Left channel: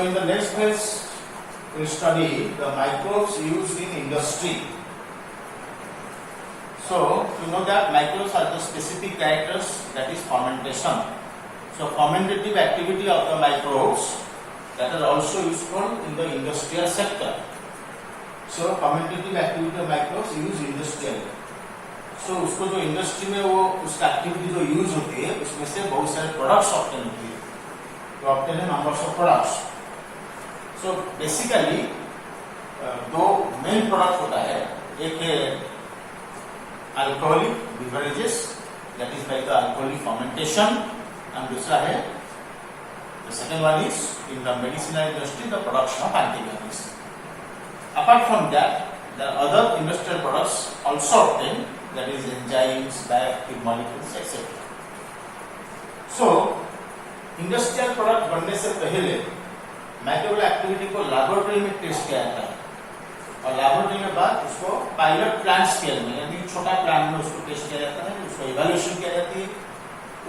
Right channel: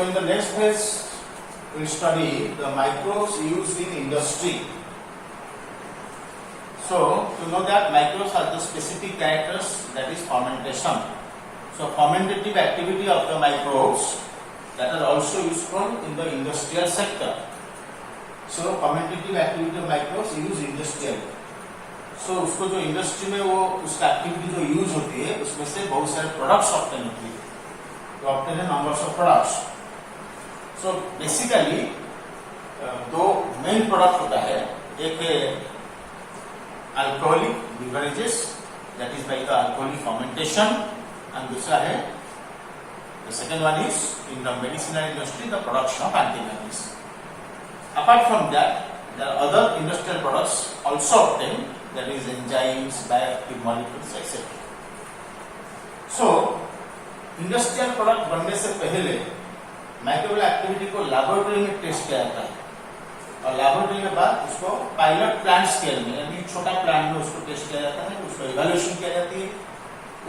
So in the next phase, we will study the microbes used in industry. So you know that microbes are the specific characters, that is fermentation. So fermentative activity of the microbes that are also useful in the industrial sector. So fermentative activity of microbes use industrial. So उसको जो industry में वो उसका activity जो use होती है उसमें से बहुत सारे प्रोडक्ट्स ऑब्टेन होती है. तो obtain numbers of products. So basically दो मेन प्रोडक्ट होता है. एक है alcoholic beverages that is by the alcoholic fermentation and दूसरा है the second one is in the medicinal industry the production of antibiotics. Apart from that there are other industrial products also obtained, that is enzymes, bioactive molecules, etc. So industrial product बनने से पहले microbial activity को laboratory में test किया जाता है और laboratory के बाद उसको पायलट प्लांट स्केल में यानी छोटा प्लांट में उसको टेस्ट किया जाता है, उसको इवैल्यूएशन किया जाती है,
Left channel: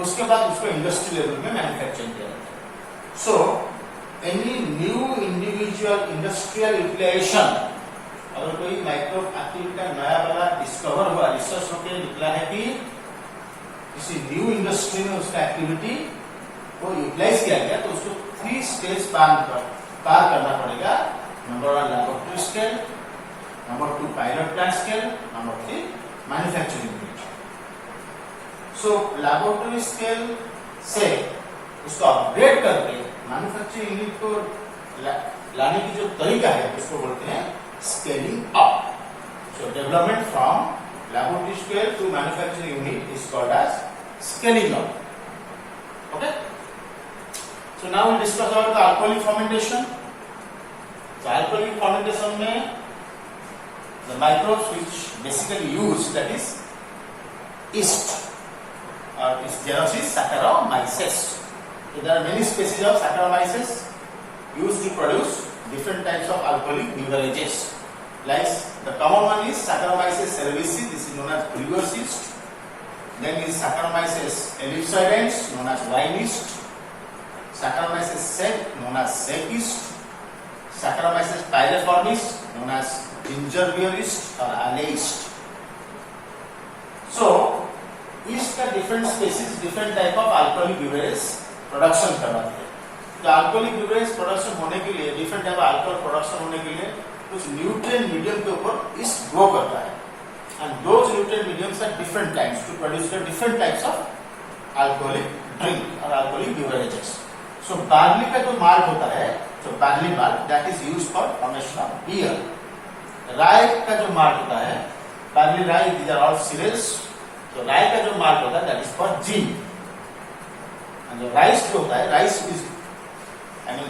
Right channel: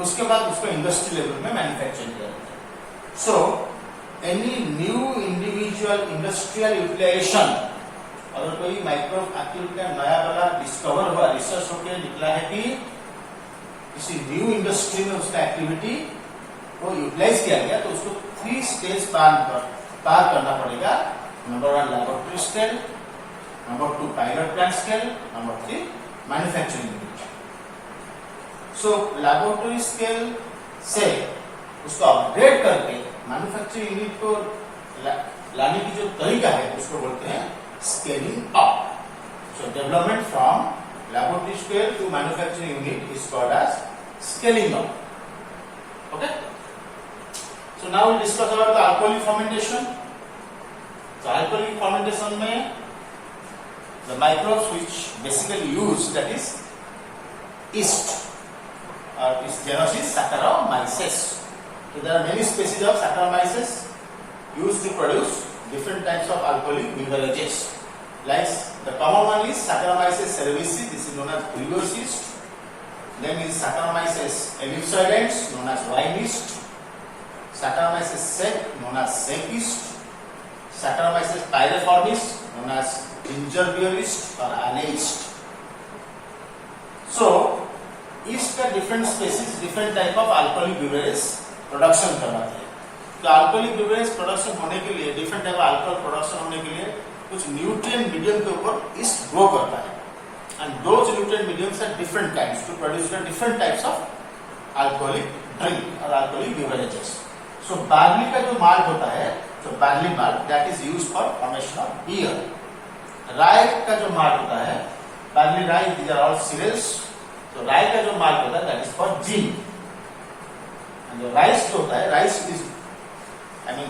उसके बाद उसको इंडस्ट्री लेवल में मैन्युफैक्चरिंग किया जाता है. So any new individual industrial utilisation, अगर कोई माइक्रोब एक्टिविटी का नया वाला डिस्कवर हुआ, रिसर्च होकर निकला है कि किसी न्यू इंडस्ट्री में उसका एक्टिविटी को यूटिलाइज किया गया, तो उसको 3 स्टेज पार करना पड़ेगा. Number 1 laboratory scale, number 2 pilot plant scale, number 3 manufacturing unit. So laboratory scale से उसको अपग्रेड करके मैन्युफैक्चरिंग यूनिट को लाने की जो तरीका है उसको बोलते हैं scaling up. So development from laboratory scale to manufacturing unit is called as scaling up. Okay. So now we discuss about the alcoholic fermentation. So alcoholic fermentation में the microbes which basically used, that is yeast or its genus is Saccharomyces. So there are many species of Saccharomyces used to produce different types of alcoholic beverages. Like the common one is Saccharomyces cerevisiae, this is known as brewers yeast. Then is Saccharomyces ellipsoidens, known as wine yeast. Saccharomyces sec, known as sec yeast. Saccharomyces pyriformis, known as ginger beer yeast or anise yeast. So yeast का different species, different type of alcoholic beverages production करवाते हैं. तो alcoholic beverage production होने के लिए, different type alcohol production होने के लिए कुछ न्यूट्रिएंट मीडियम के ऊपर ईस्ट ग्रो करता है. And those nutrient mediums are different types to produce different types of alcoholic drink और अल्कोहलिक बिवरेजेस. सो बार्ली का जो माल्ट होता है, तो barley malt that is used for formation of beer. Rye का जो माल्ट होता है, barley rye, these are all cereals. तो राय का जो माल्ट होता है that is for gin. And जो राइस जो होता है, rice is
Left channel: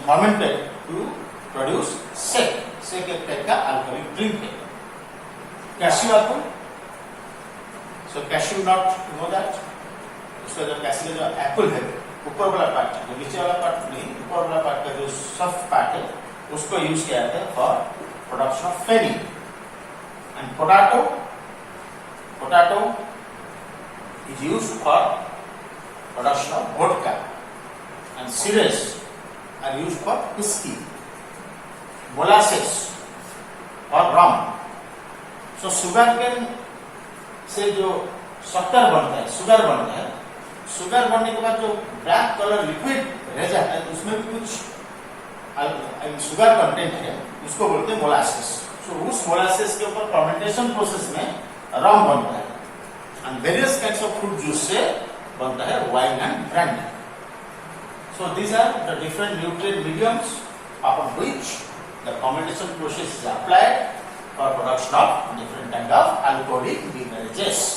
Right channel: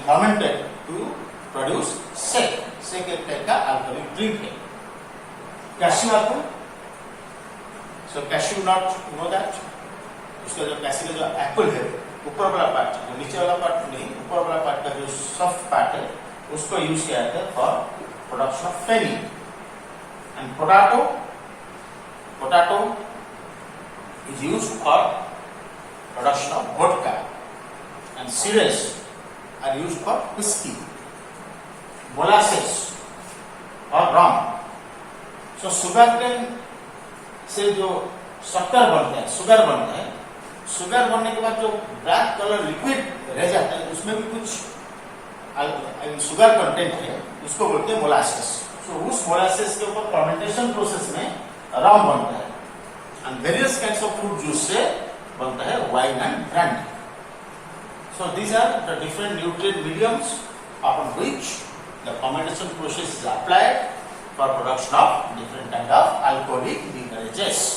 fermented to produce sec. Sec एक टाइप का अल्कोहलिक ड्रिंक है. Cashew Apple, so cashew not know that. उसका जो कैश्यू का जो एप्पल है, ऊपर वाला पार्ट, जो नीचे वाला पार्ट नहीं, ऊपर वाला पार्ट का जो सॉफ्ट पार्ट है उसको यूज किया जाता है for production of feni. And potato, potato is used for production of vodka. And cereals are used for whiskey, molasses और rum. So sugar cane से जो शक्कर बनता है, शुगर बनता है, शुगर बनने के बाद जो ब्लैक कलर लिक्विड रह जाता है उसमें भी कुछ शुगर कंटेंट है, उसको बोलते हैं मोलासेस. सो उस मोलासेस के ऊपर फर्मेंटेशन प्रोसेस में रम बनता है. And various kinds of fruit juice से बनता है wine and brandy. So these are the different nutrient mediums upon which the fermentation process is applied for production of different kind of alcoholic beverages.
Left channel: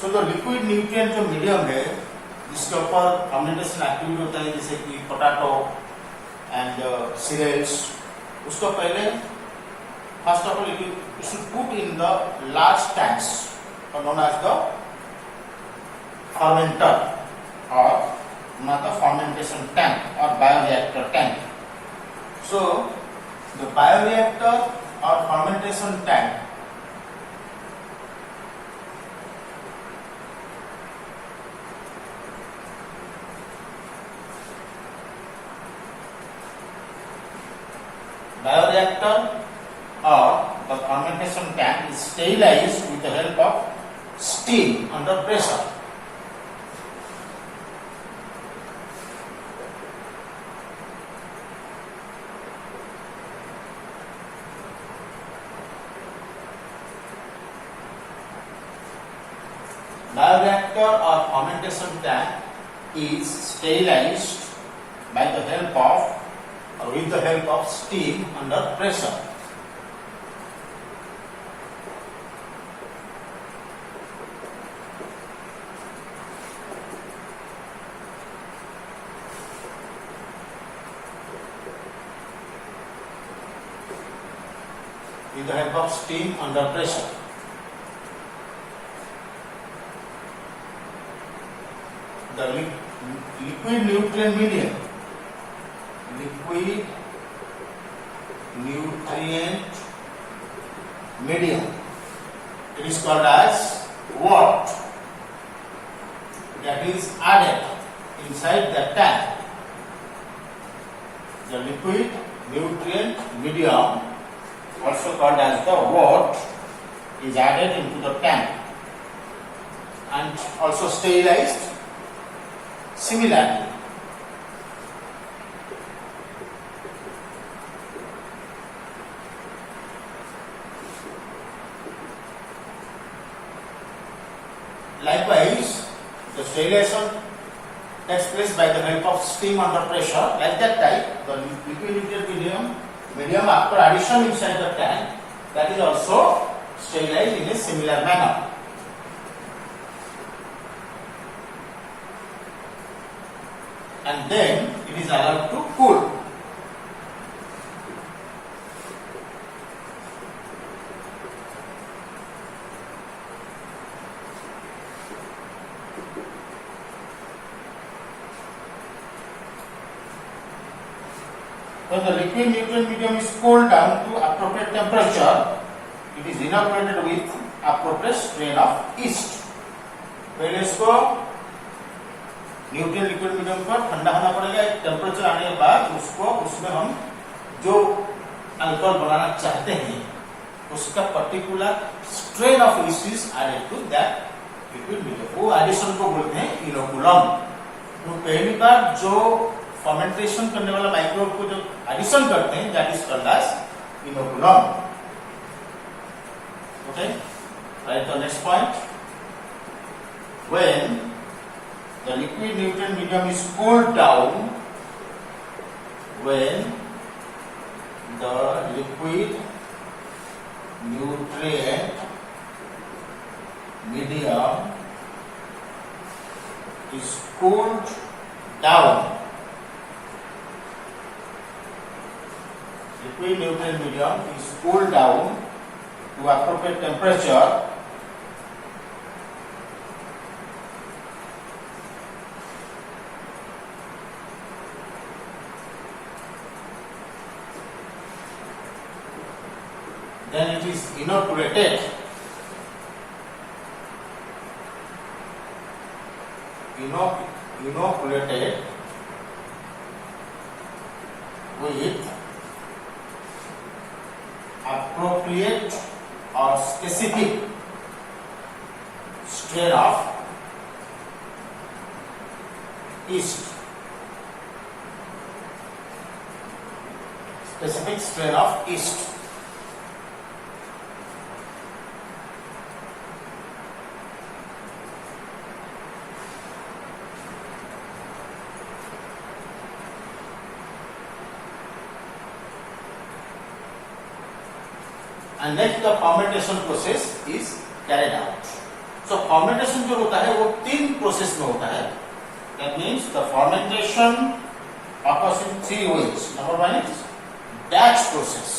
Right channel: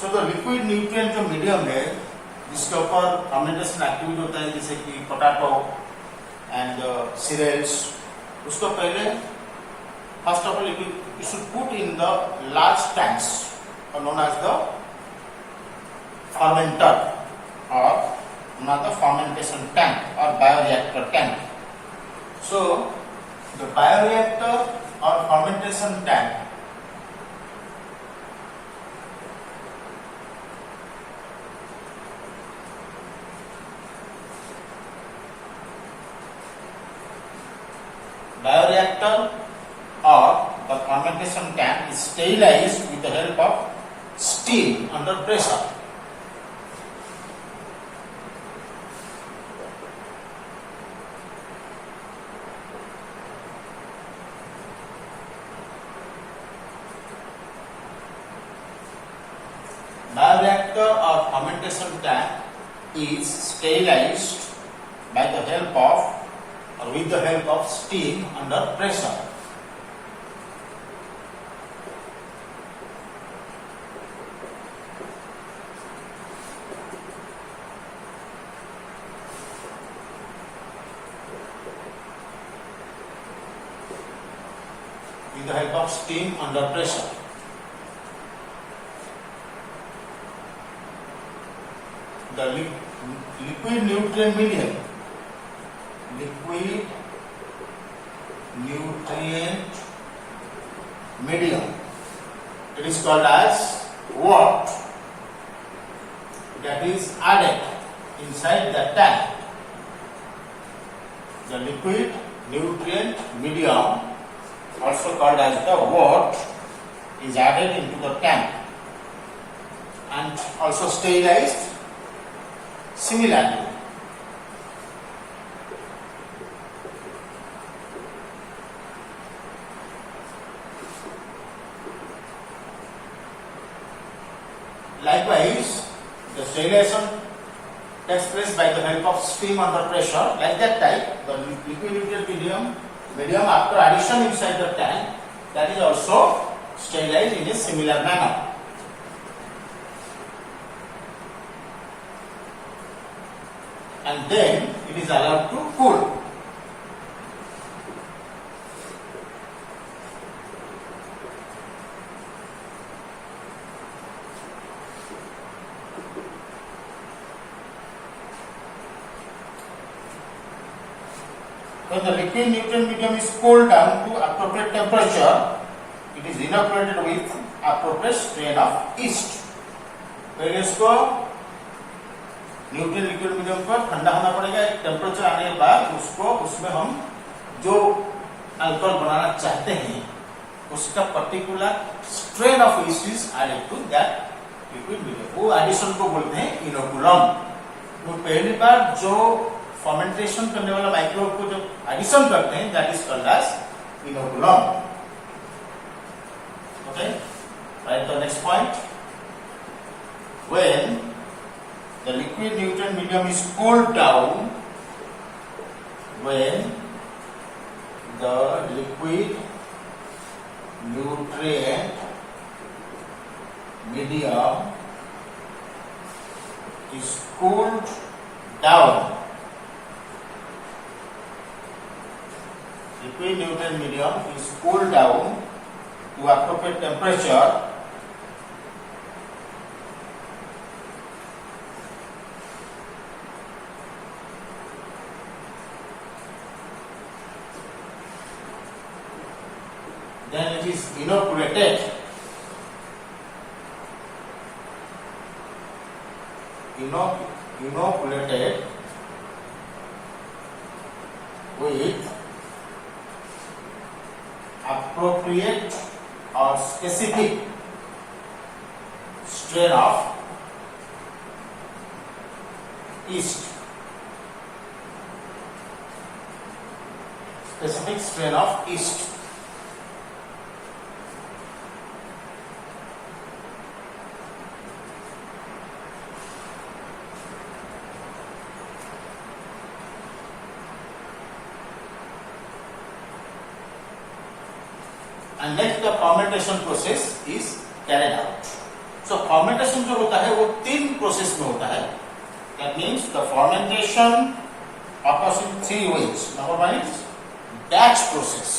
सो जो liquid nutrient जो medium है जिसके ऊपर fermentation activity होता है जैसे कि पोटैटो एंड सीरियल्स, उसको पहले first of all you should put in the large tanks और known as the fermenter or another fermentation tank or bioreactor tank. So the bioreactor or fermentation tank or the fermentation tank is sterilized with the help of steam under pressure. Bioreactor or fermentation tank is sterilized by the help of or with the help of steam under pressure. With the help of steam under pressure. The liquid nutrient medium, liquid nutrient medium, it is called as what? That is added inside the tank. The liquid nutrient medium, also called as the what, is added into the tank and also sterilized. Similarly, likewise, the sterilization takes place by the help of steam under pressure. Like that type, the liquid nutrient medium after addition inside the tank, that is also sterilized in a similar manner. And then it is allowed to cool. When the liquid nutrient medium is cooled down to appropriate temperature, it is inoculated with appropriate strain of yeast. पहले इसको nutrient liquid medium पर ठंडा होना पड़ेगा, एक temperature आने के बाद उसको उसमें हम जो अल्कोहल बनाना चाहते हैं उसका particular strain of yeast is added to that liquid medium. वो एडिशन को बोलते हैं इनोकुलम. तो पहली बार जो फर्मेंटेशन करने वाला माइक्रोब को जो एडिशन करते हैं that is called as inoculum. Okay, right. The next point, when the liquid nutrient medium is cooled down, when the liquid nutrient medium is cooled down, liquid nutrient medium is cooled down to appropriate temperature, then it is inoculated. Inoculated with appropriate or specific strain of yeast. Specific strain of yeast. And next the fermentation process is carried out. So fermentation जो होता है वो 3 process में होता है. That means the fermentation occurs in 3 ways. Number 1 is batch process.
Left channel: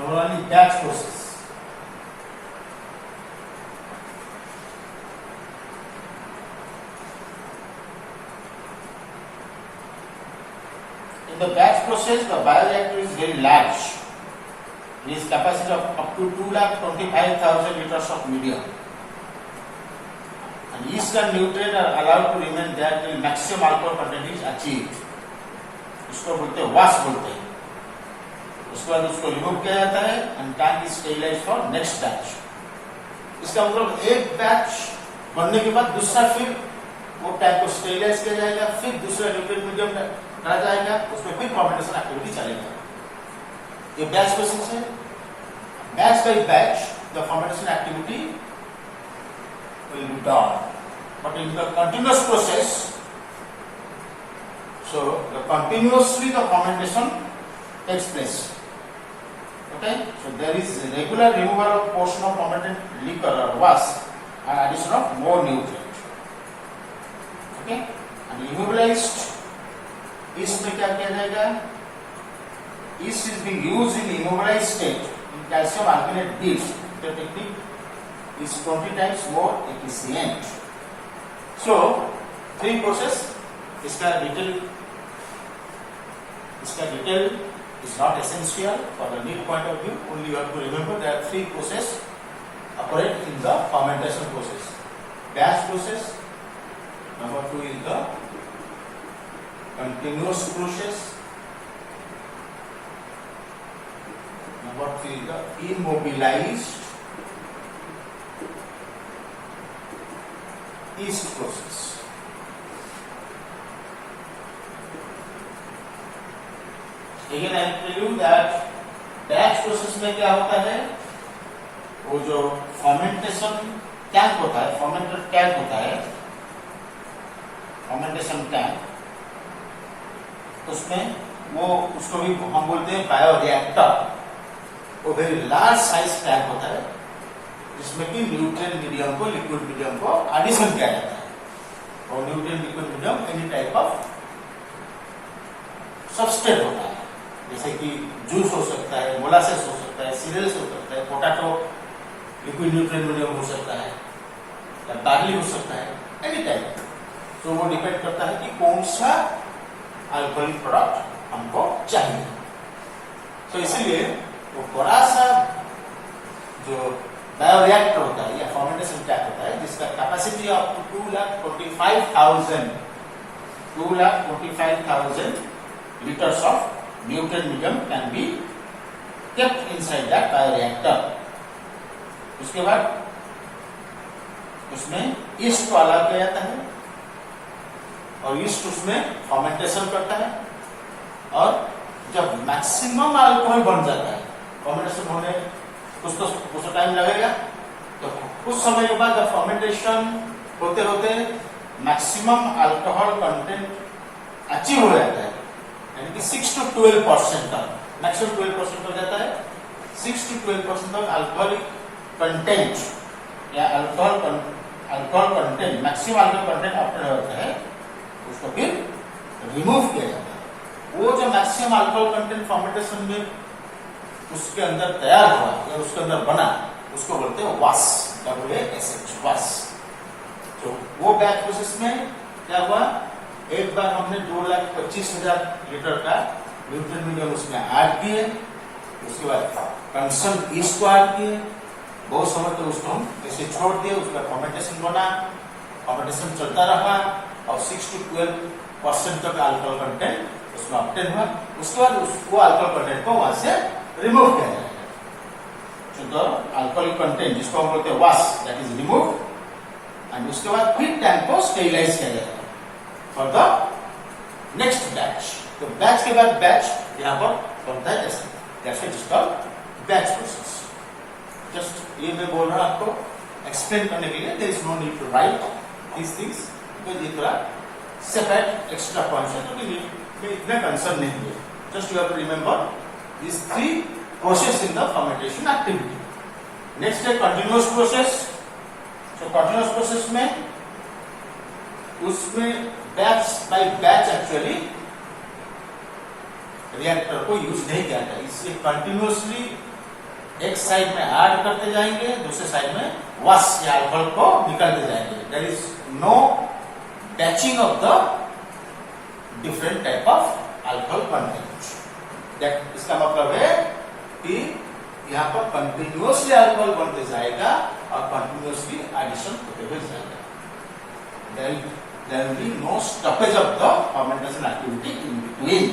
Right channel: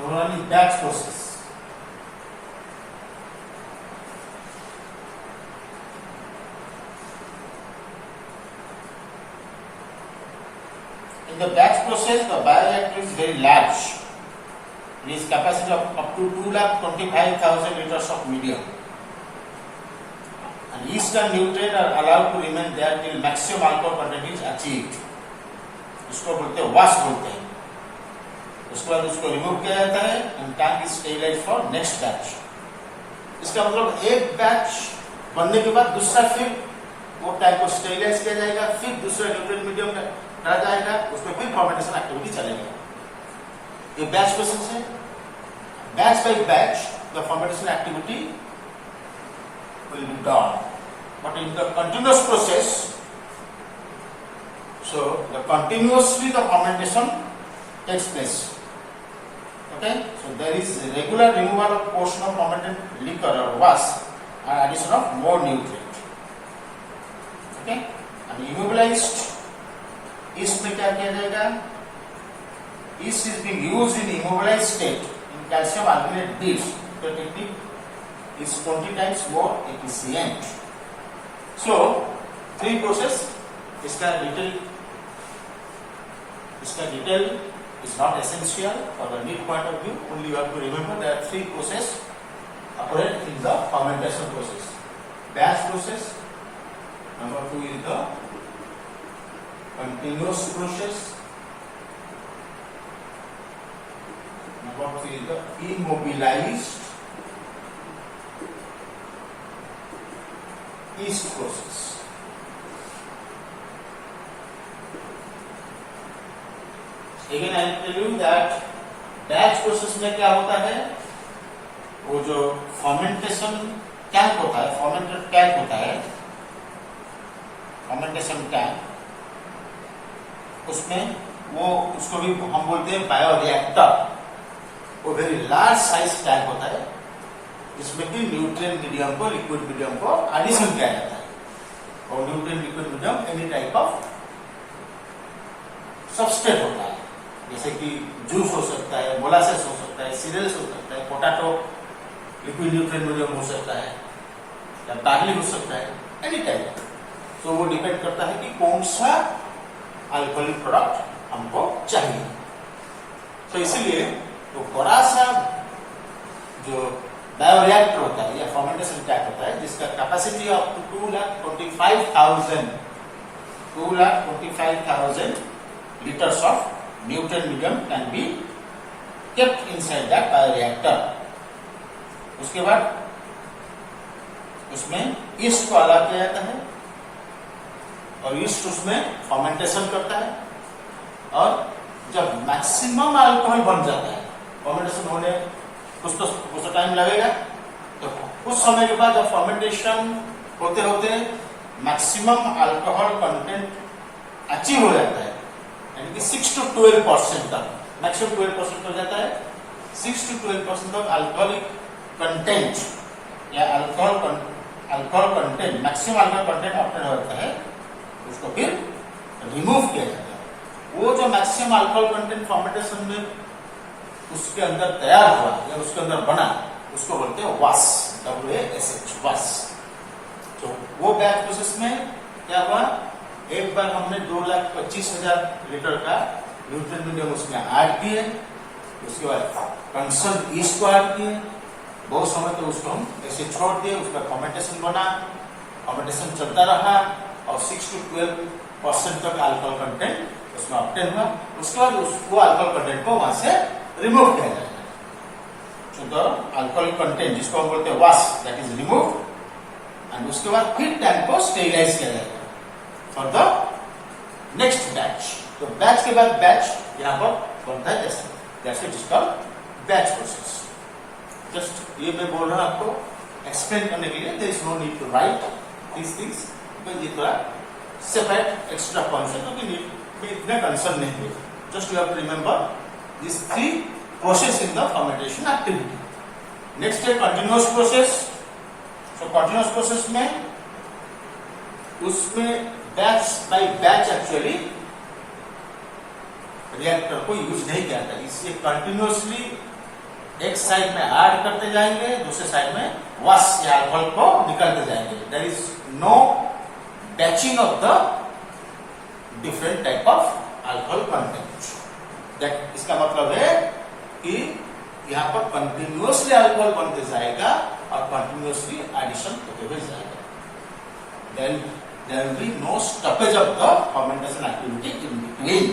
Number 1 is batch process. In the batch process, the bioreactor is very large. It is capacity of up to 2,25,000 liters of medium. And yeast and nutrient are allowed to remain there till maximum alcohol content is achieved. इसको बोलते हैं wash बोलते हैं. उसके बाद उसको remove किया जाता है and tank is sterilise for next batch. इसका मतलब एक बैच बनने के बाद दूसरा फिर वो टैंक को स्टेरिलाइज किया जाएगा, फिर दूसरा न्यूट्रिएंट मीडियम डाला जाएगा, उसमें फिर फर्मेंटेशन एक्टिविटी चलेगा. ये बैच प्रोसेस है. Batch by batch the fermentation activity will be done. But in the continuous process, so the continuously the fermentation takes place. Okay, so there is regular removal of portion of fermented liquor or wash and addition of more nutrient. Okay, and immobilized yeast में क्या किया जाएगा? Yeast is being used in immobilized state in calcium alginate dish. The technique is 20 times more efficient. So 3 process. इसका detail is not essential for the neat point of view. Only you have to remember that 3 processes operate in the fermentation process. Batch process. Number 2 is the continuous process. Number 3 is the immobilized yeast process. Again, I will tell you that batch process में क्या होता है, वो जो fermentation tank होता है, fermented tank होता है, फर्मेंटेशन टैंक, उसमें वो उसको भी हम बोलते हैं बायोरिएक्टर. वो वेरी लार्ज साइज टैंक होता है जिसमें कि न्यूट्रिएंट मीडियम को, लिक्विड मीडियम को एडिशन किया जाता है. और nutrient liquid medium any type of substrate होता है, जैसे कि जूस हो सकता है, मोलासेस हो सकता है, सीरियल्स हो सकता है, पोटैटो लिक्विड न्यूट्रिएंट मीडियम हो सकता है, या बार्ली हो सकता है, एनी टाइप. तो वो डिपेंड करता है कि कौन सा अल्कोहलिक प्रोडक्ट हमको चाहिए. तो इसीलिए वो बड़ा सा जो बायोरिएक्टर होता है या फर्मेंटेशन टैंक होता है जिसका capacity up to 2,25,000 liters of nutrient medium can be kept inside that bioreactor. उसके बाद उसमें यीस्ट को अलाउ किया जाता है और यीस्ट उसमें फर्मेंटेशन करता है. और जब मैक्सिमम अल्कोहल बन जाता है, फर्मेंटेशन होने कुछ टाइम लगेगा, तो कुछ समय के बाद जब फर्मेंटेशन होते होते मैक्सिमम अल्कोहल कंटेंट अचीव हो जाता है, यानी कि 6 to 12% तक, मैक्सिमम 12% हो जाता है, 6 to 12% तक अल्कोहलिक कंटेंट या alcohol content, maximum alcohol content obtain होता है, उसको फिर रिमूव किया जाता है. वो जो मैक्सिमम अल्कोहल कंटेंट फर्मेंटेशन में उसके अंदर तैयार हुआ या उसके अंदर बना, उसको बोलते हैं वाश, WASH, वाश. तो वो बैच प्रोसेस में क्या हुआ, एक बार हमने 2,25,000 लीटर का न्यूट्रिएंट मीडियम उसमें ऐड किए, उसके बाद कंसर्न यीस्ट को ऐड किए, बहुत समय तो उसको हम ऐसे छोड़ दिए, उस पर फर्मेंटेशन बना, फर्मेंटेशन चलता रहा और 6 to 12% तक अल्कोहल कंटेंट उसमें ऑब्टेन हुआ. उसके बाद उसको अल्कोहल कंटेंट को वहां से रिमूव किया जाए. तो अल्कोहल कंटेंट जिसको हम बोलते हैं wash, that is remove, and उसके बाद फिर टैंक को स्टेरिलाइज किया जाएगा फॉर द नेक्स्ट बैच, तो बैच के बाद बैच यहाँ पर बनता है जैसे जैसे जिसका बैच प्रोसेस। जस्ट ये मैं बोल रहा हूँ आपको एक्सप्लेन करने के लिए, there is no need to write this things, because ये थोड़ा सेपरेट एक्स्ट्रा पॉइंट्स है, क्योंकि इतना कंसर्न नहीं है। Just you have to remember this 3 process in the fermentation activity. Next है कंटिन्यूअस प्रोसेस। तो कंटिन्यूअस प्रोसेस में उसमें batch by batch actually reactor को यूज नहीं किया था, इससे कंटिन्यूअसली एक साइड में ऐड करते जाएंगे, दूसरे साइड में वॉश या अल्कोहल को निकलते जाएंगे। There is no batching of the different type of alcohol content. इसका मतलब है कि यहाँ पर कंटिन्यूअसली अल्कोहल बनते जाएगा और कंटिन्यूअसली एडिशन होते हुए जाएगा। There will be no stoppage of the fermentation activity in between.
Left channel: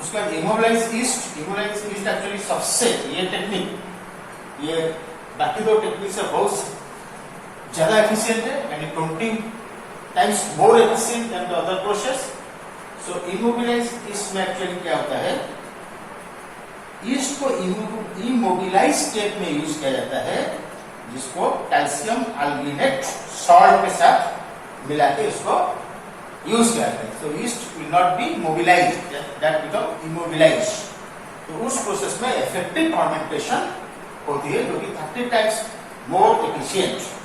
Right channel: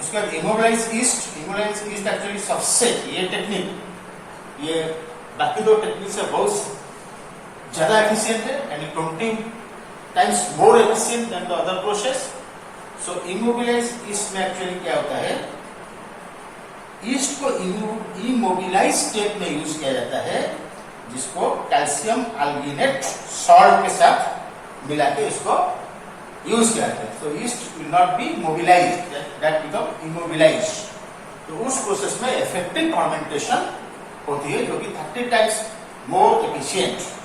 उसका immobilized yeast एक्चुअली सबसे ये टेक्निक, ये बाकी 2 टेक्निक से बहुत ज्यादा एफिशिएंट है and 20 times more efficient then the other process. So immobilized yeast में एक्चुअली क्या होता है, ईस्ट को इमोबिलाइज स्टेट में यूज किया जाता है, जिसको कैल्शियम अल्गिनेट सॉल्ट के साथ मिला के उसको यूज करते हैं। तो it will not be mobilize, that become immobilize. तो उस प्रोसेस में इफेक्टिव फर्मेंटेशन होती है, जो कि 30 टाइम्स मोर एफिशिएंट।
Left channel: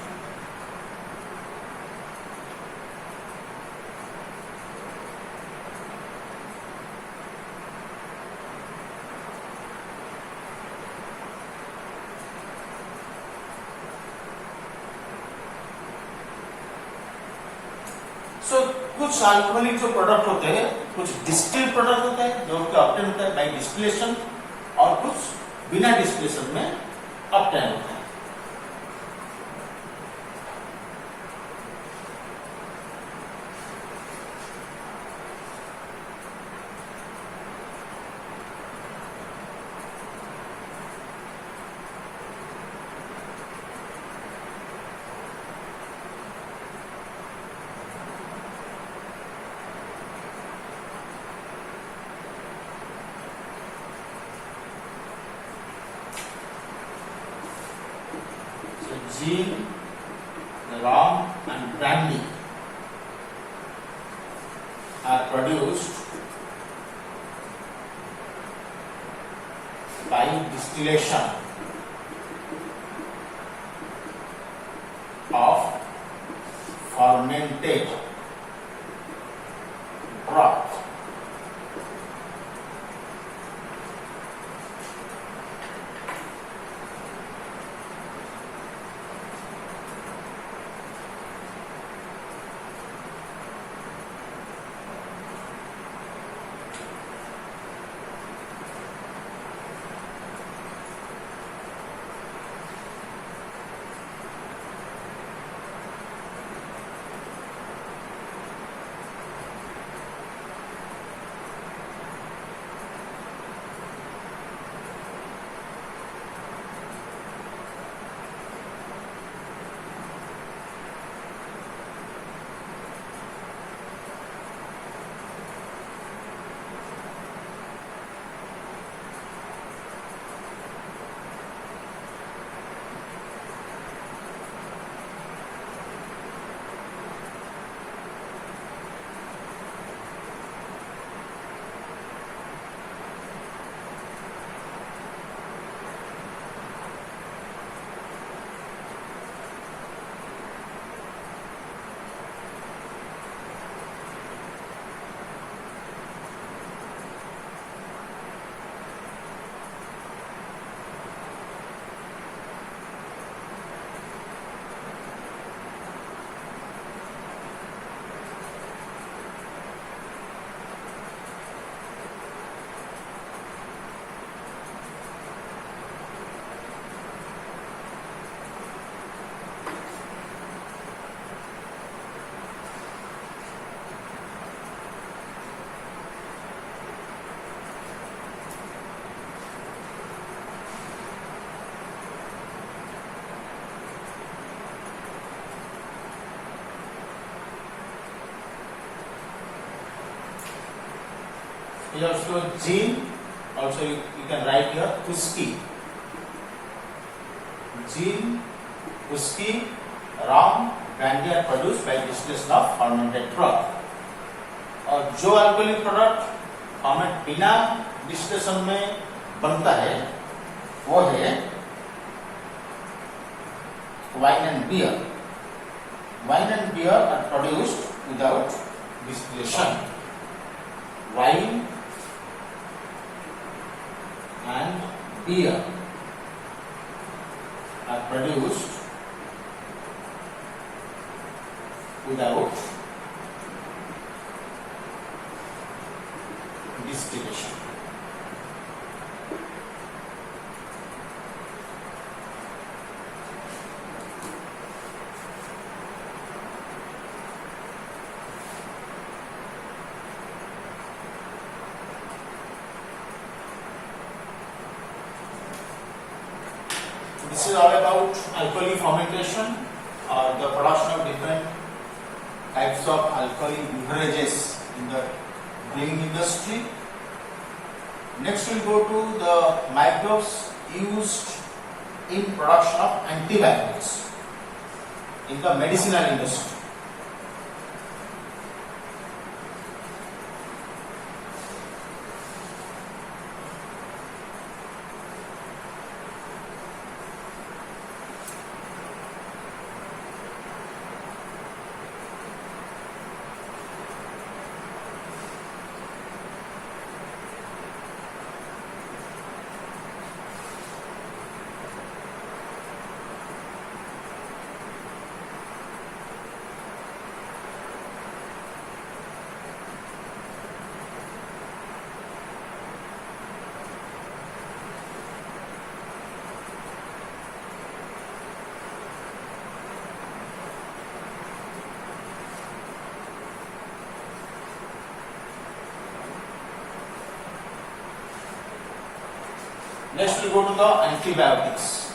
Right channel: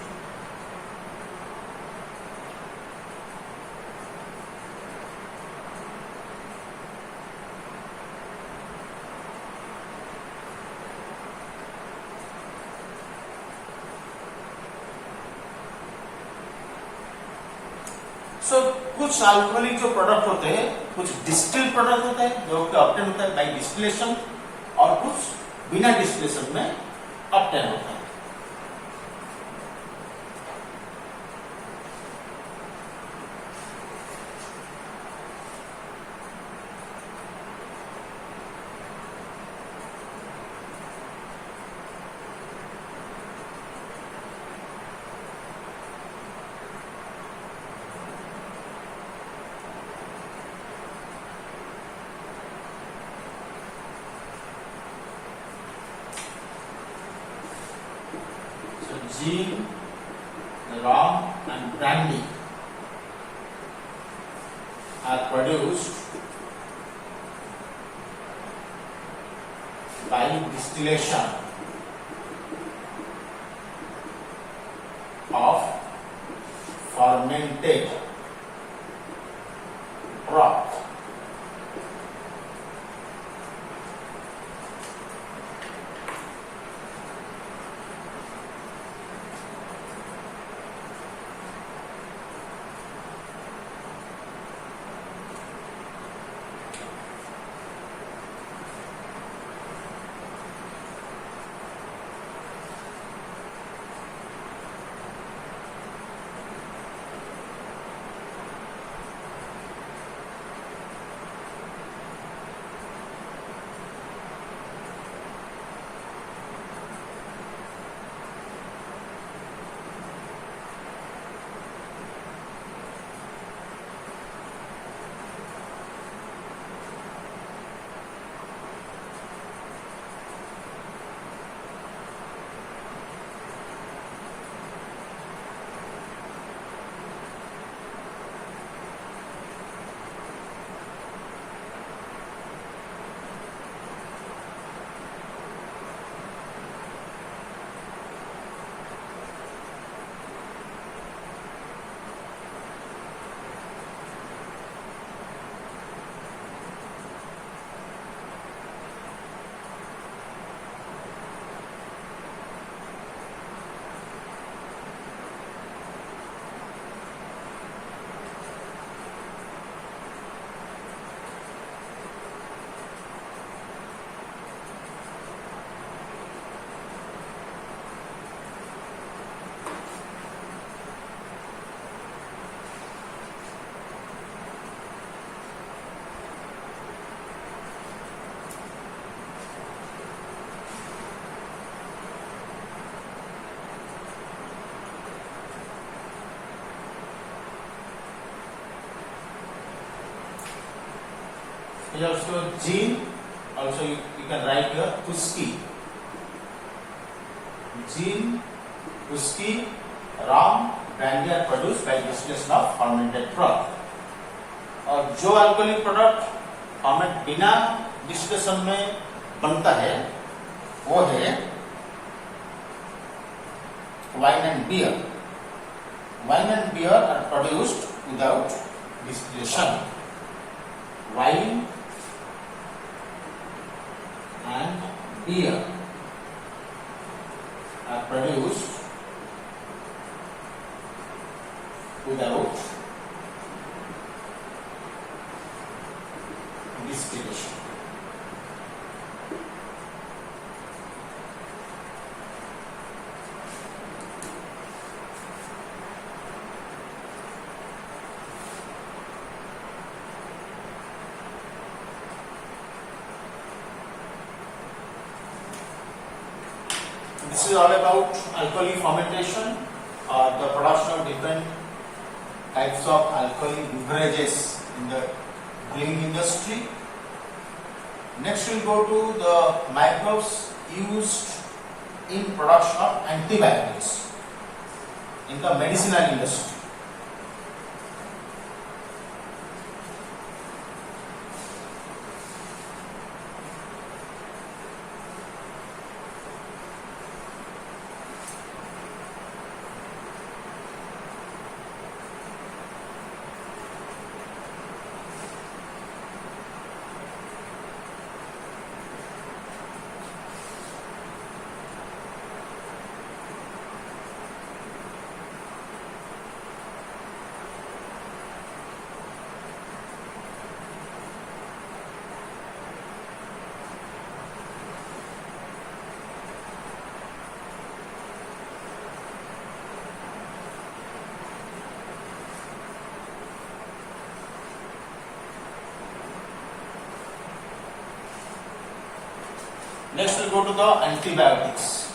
सो कुछ अल्कोहलिक जो प्रोडक्ट होते हैं, कुछ डिस्टिल प्रोडक्ट होता है जो कि ऑब्टेन होता है बाय डिस्टिलेशन, और कुछ बिना डिस्टिलेशन में ऑब्टेन होता है। Gin, rum and brandy are produced by distillation of fermented broth. is also gene. Also you can write here Puski. Gene, Puski, ram, brandy are produced by distillation of fermented product. और जो alcoholic product format बिना distillation में बनता है वो है wine and beer. Wine and beer are produced without distillation. Wine and beer are produced without distillation. This is all about alcoholic fermentation or the production of different types of alcoholic beverages in the brewing industry. Next we'll go to the microbes used in production of antibiotics in the medicinal industry. Next we'll go to the antibiotics.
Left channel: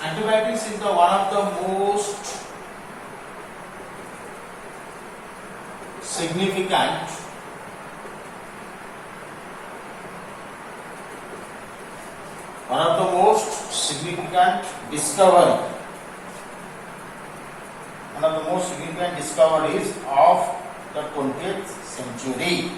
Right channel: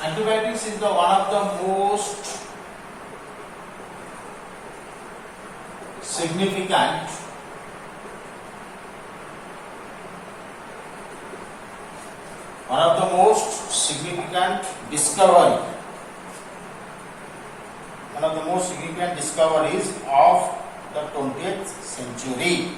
Antibiotics is the one of the most significant discoveries of the 20th century.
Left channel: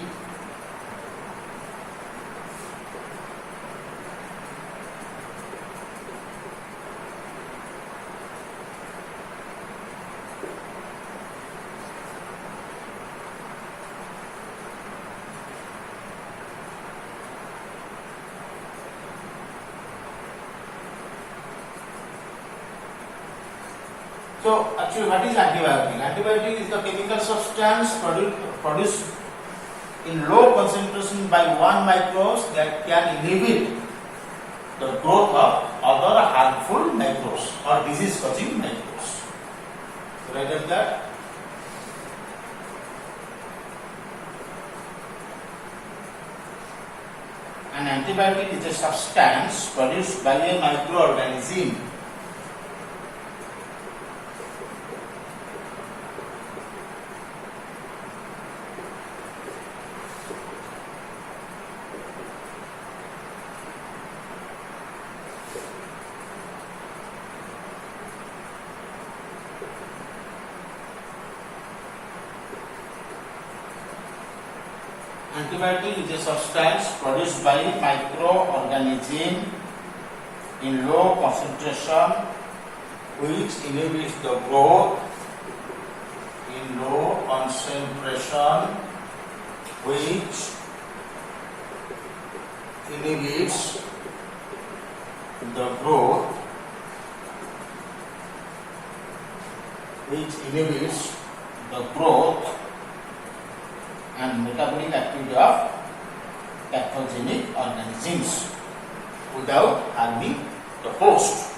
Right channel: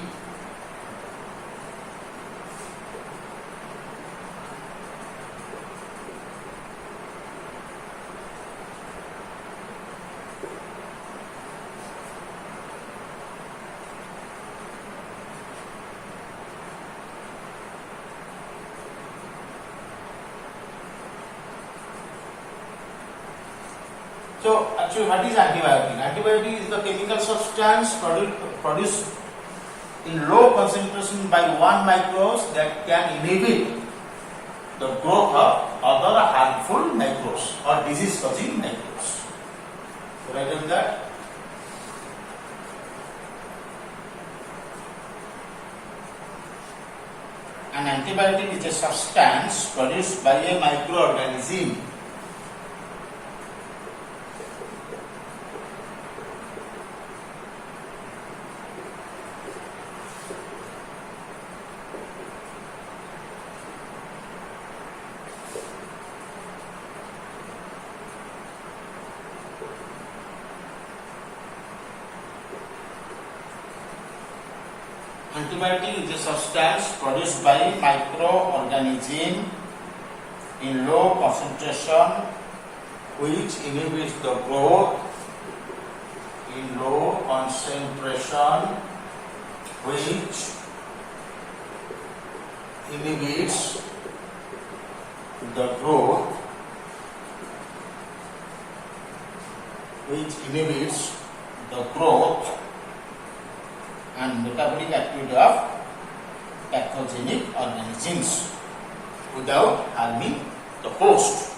So actually what is antibiotic? Antibiotic is the chemical substance produced in low concentration by one microbes that can inhibit the growth of other harmful microbes or disease causing microbes. So write down that. An antibiotic is a substance produced by a microorganism Antibiotic is a substance produced by microorganism in low concentration which inhibits the growth in low concentration which inhibits the growth and metabolic activity of pathogenic organisms without harming the host.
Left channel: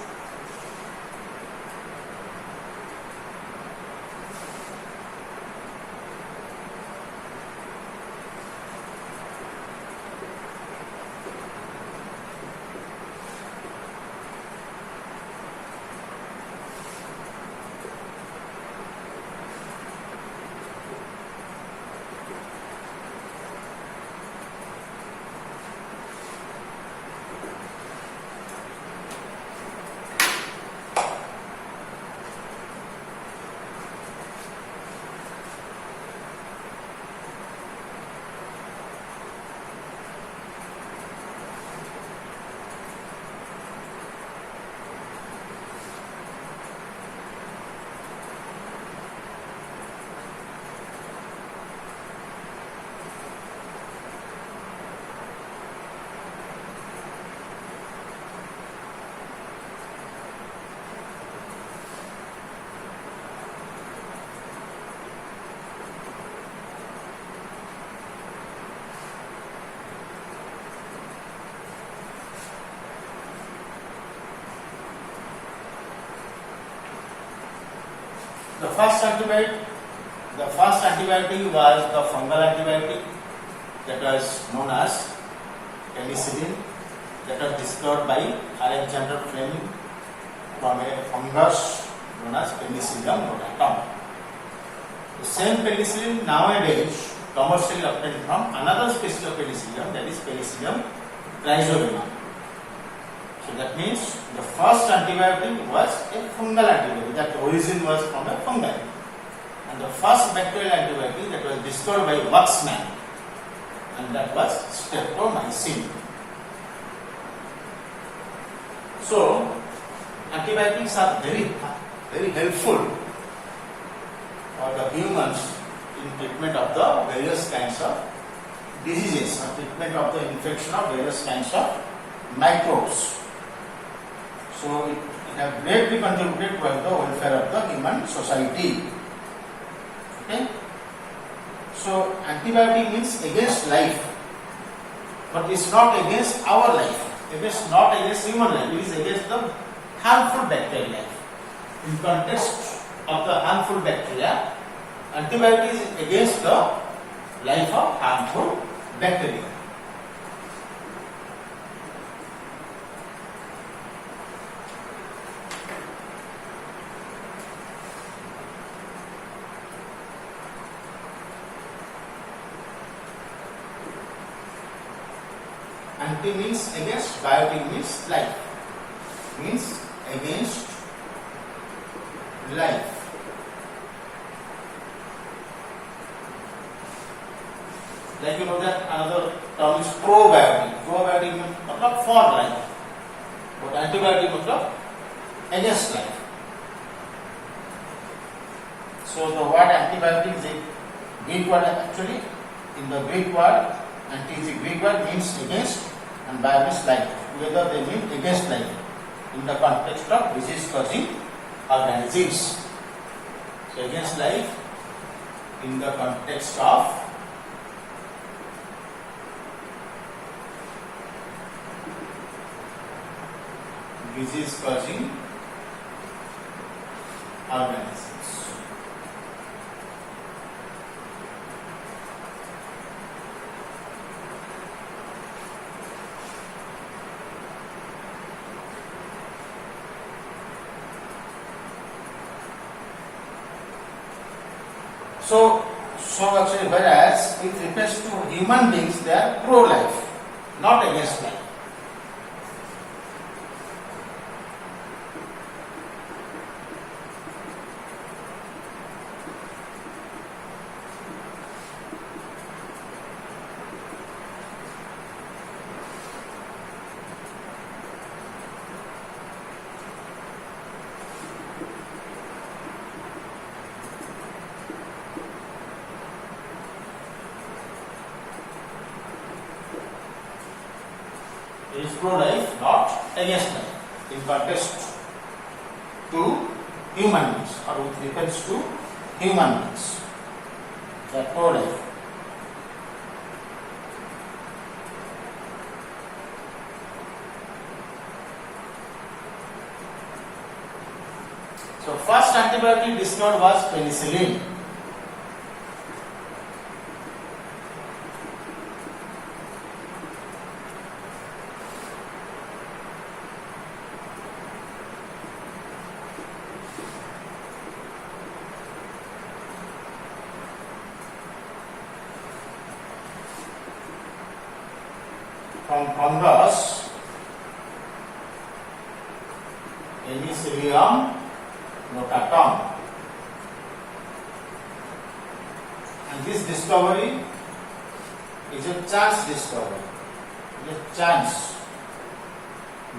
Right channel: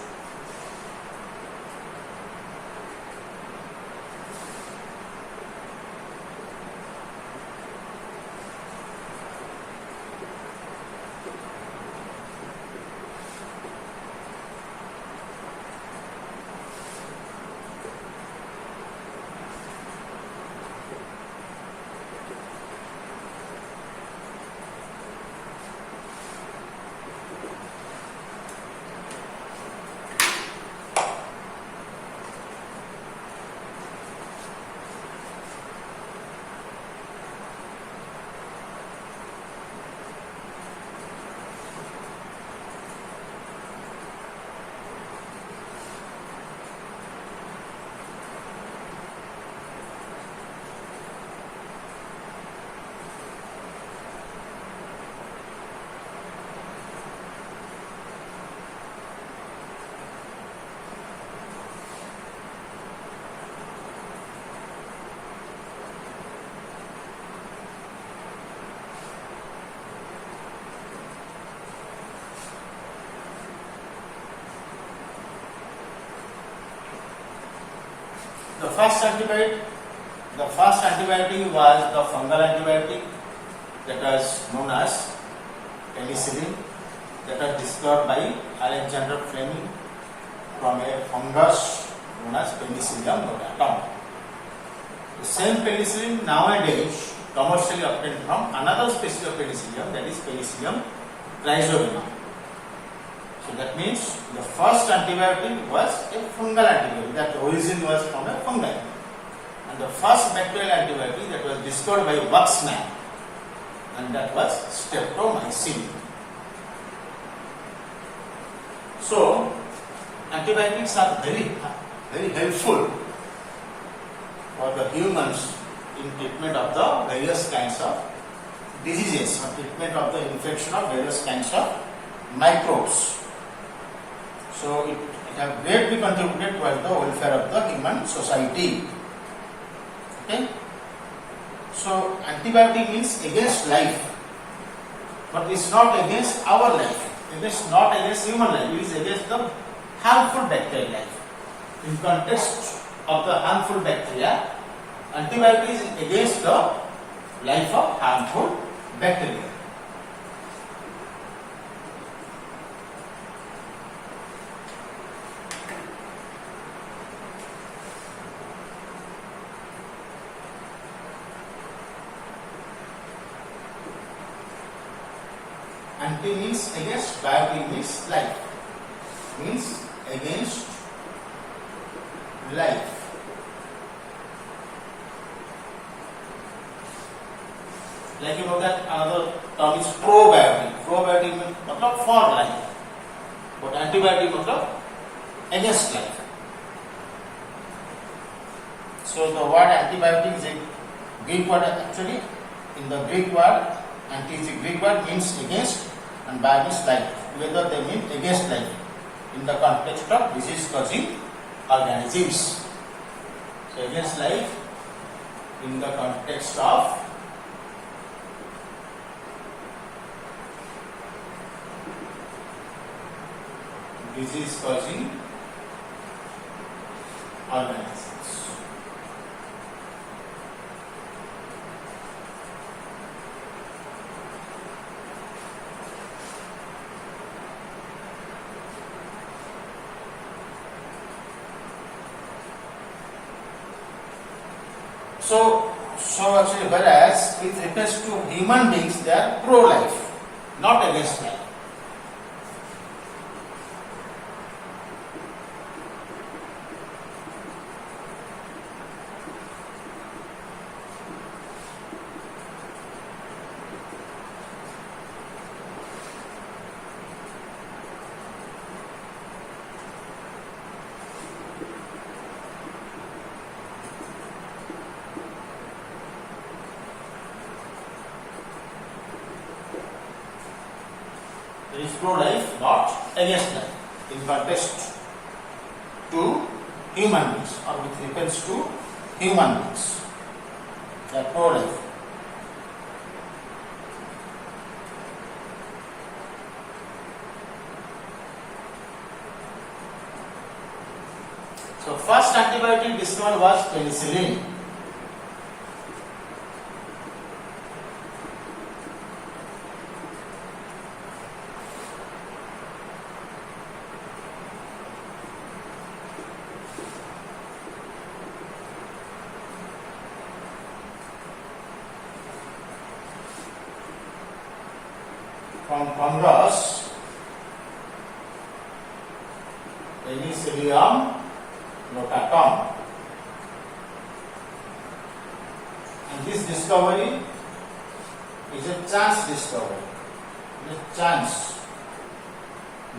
the first antibiotic was the fungal antibiotic that was known as penicillin, that was discovered by Alexander Fleming from a fungus known as Penicillium notatum. The same penicillin nowadays commercially obtained from another species of penicillium, that is Penicillium rhizobinum. So that means the first antibiotic was a fungal antibiotic, that origin was from a fungi. And the first bacterial antibiotic that was discovered by Waxman, and that was streptomycin. So antibiotics are very helpful for the humans in treatment of the various kinds of diseases, or treatment of the infection of various kinds of microbes. So it has greatly contributed towards the welfare of the human society. Okay? So antibiotic means against life, but it's not against our life. It is not against human life. It is against the harmful bacterial life. In context of the harmful bacteria, antibiotic is against the life of harmful bacteria. Anti means against, biotic means life, means against life. Like you know that another term is probiotic. Probiotic means for life, but antibiotic means against life. So the word antibiotic is a Greek word actually. In the Greek word, anti is a Greek word, means against, and bio means life. Together they mean against life in the context of disease causing organisms. So against life in the context of disease causing organisms. So actually, whereas it refers to human beings, they are pro-life, not against life. It is pro-life, not against life, in context to human beings, or with reference to human beings. They are pro-life. So first antibiotic discovered was penicillin. From fungus, Penicillium notatum, and this discovery is a chance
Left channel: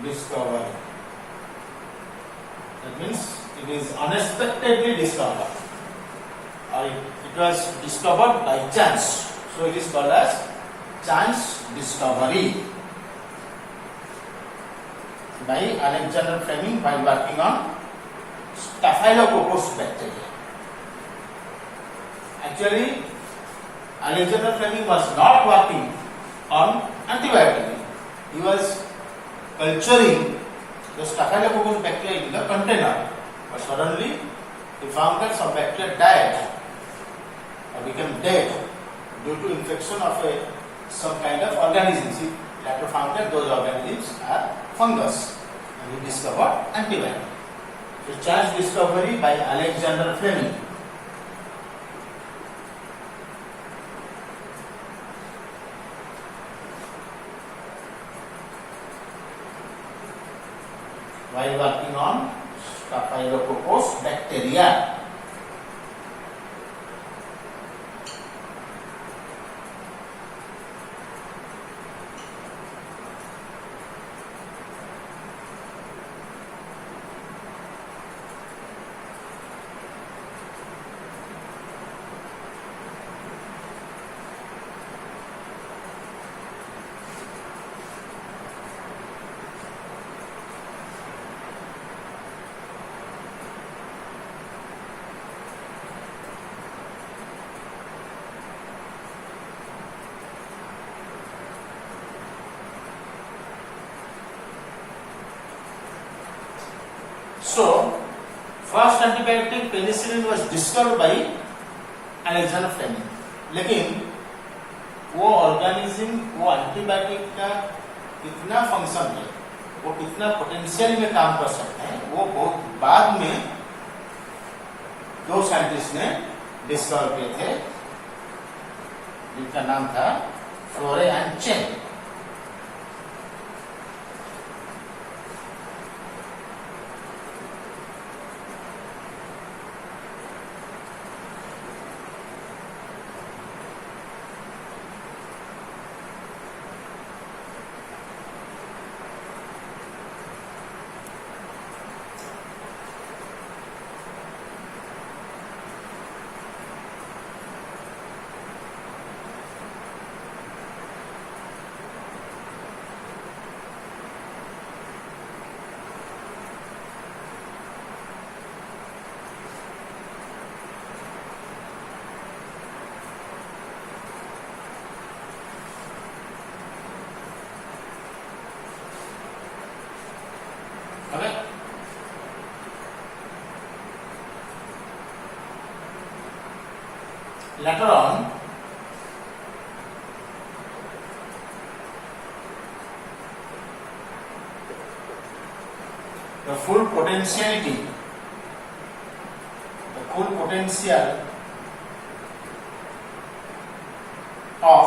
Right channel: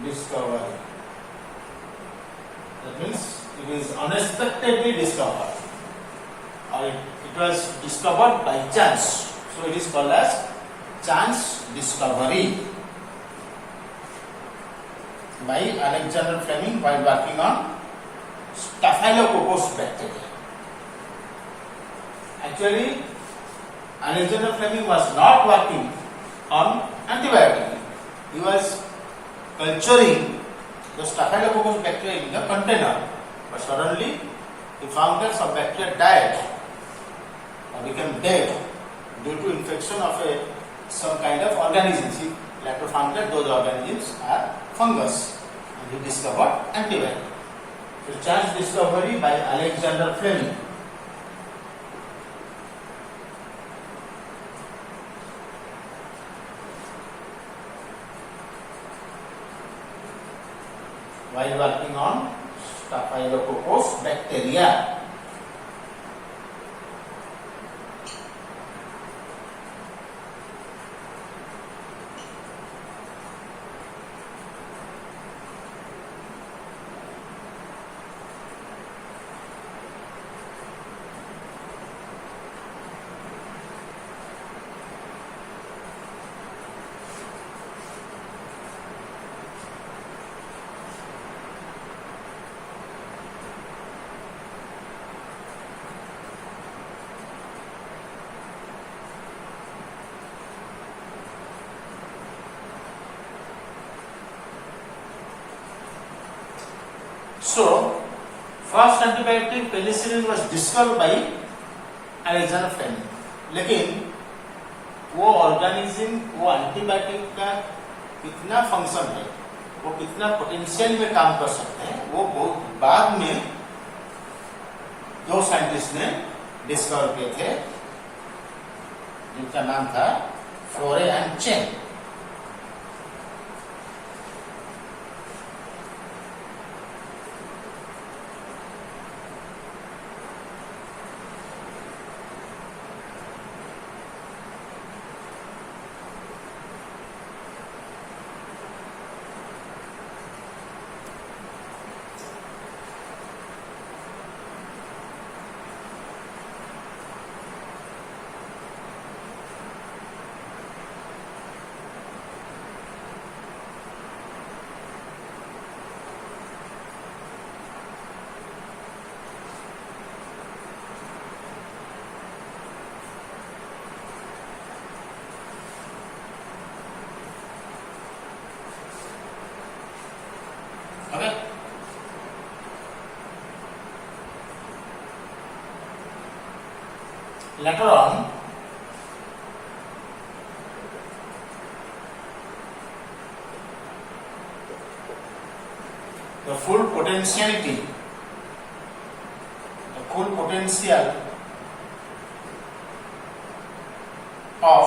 discovery. That means it is unexpectedly discovered, or it was discovered by chance. So it is called as chance discovery by Alexander Fleming while working on Staphylococcus bacteria. Actually, Alexander Fleming was not working on antibiotic. He was culturing the Staphylococcus bacteria in the container, but suddenly the founders of bacteria died or became dead due to infection of some kind of organisms. He later found that those organisms are fungus, and he discovered antibiotic. So, chance discovery by Alexander Fleming. While working on Staphylococcus bacteria. So, first antibiotic penicillin was discovered by Alexander Fleming. लेकिन वो organism, वो antibiotic का कितना function है, वो कितना potential में काम कर सकते हैं, वो बहुत बाद में दो साइंटिस्ट ने डिस्कवर किए थे, जिनका नाम था Florey and Chain. Okay. Later on, the full potential of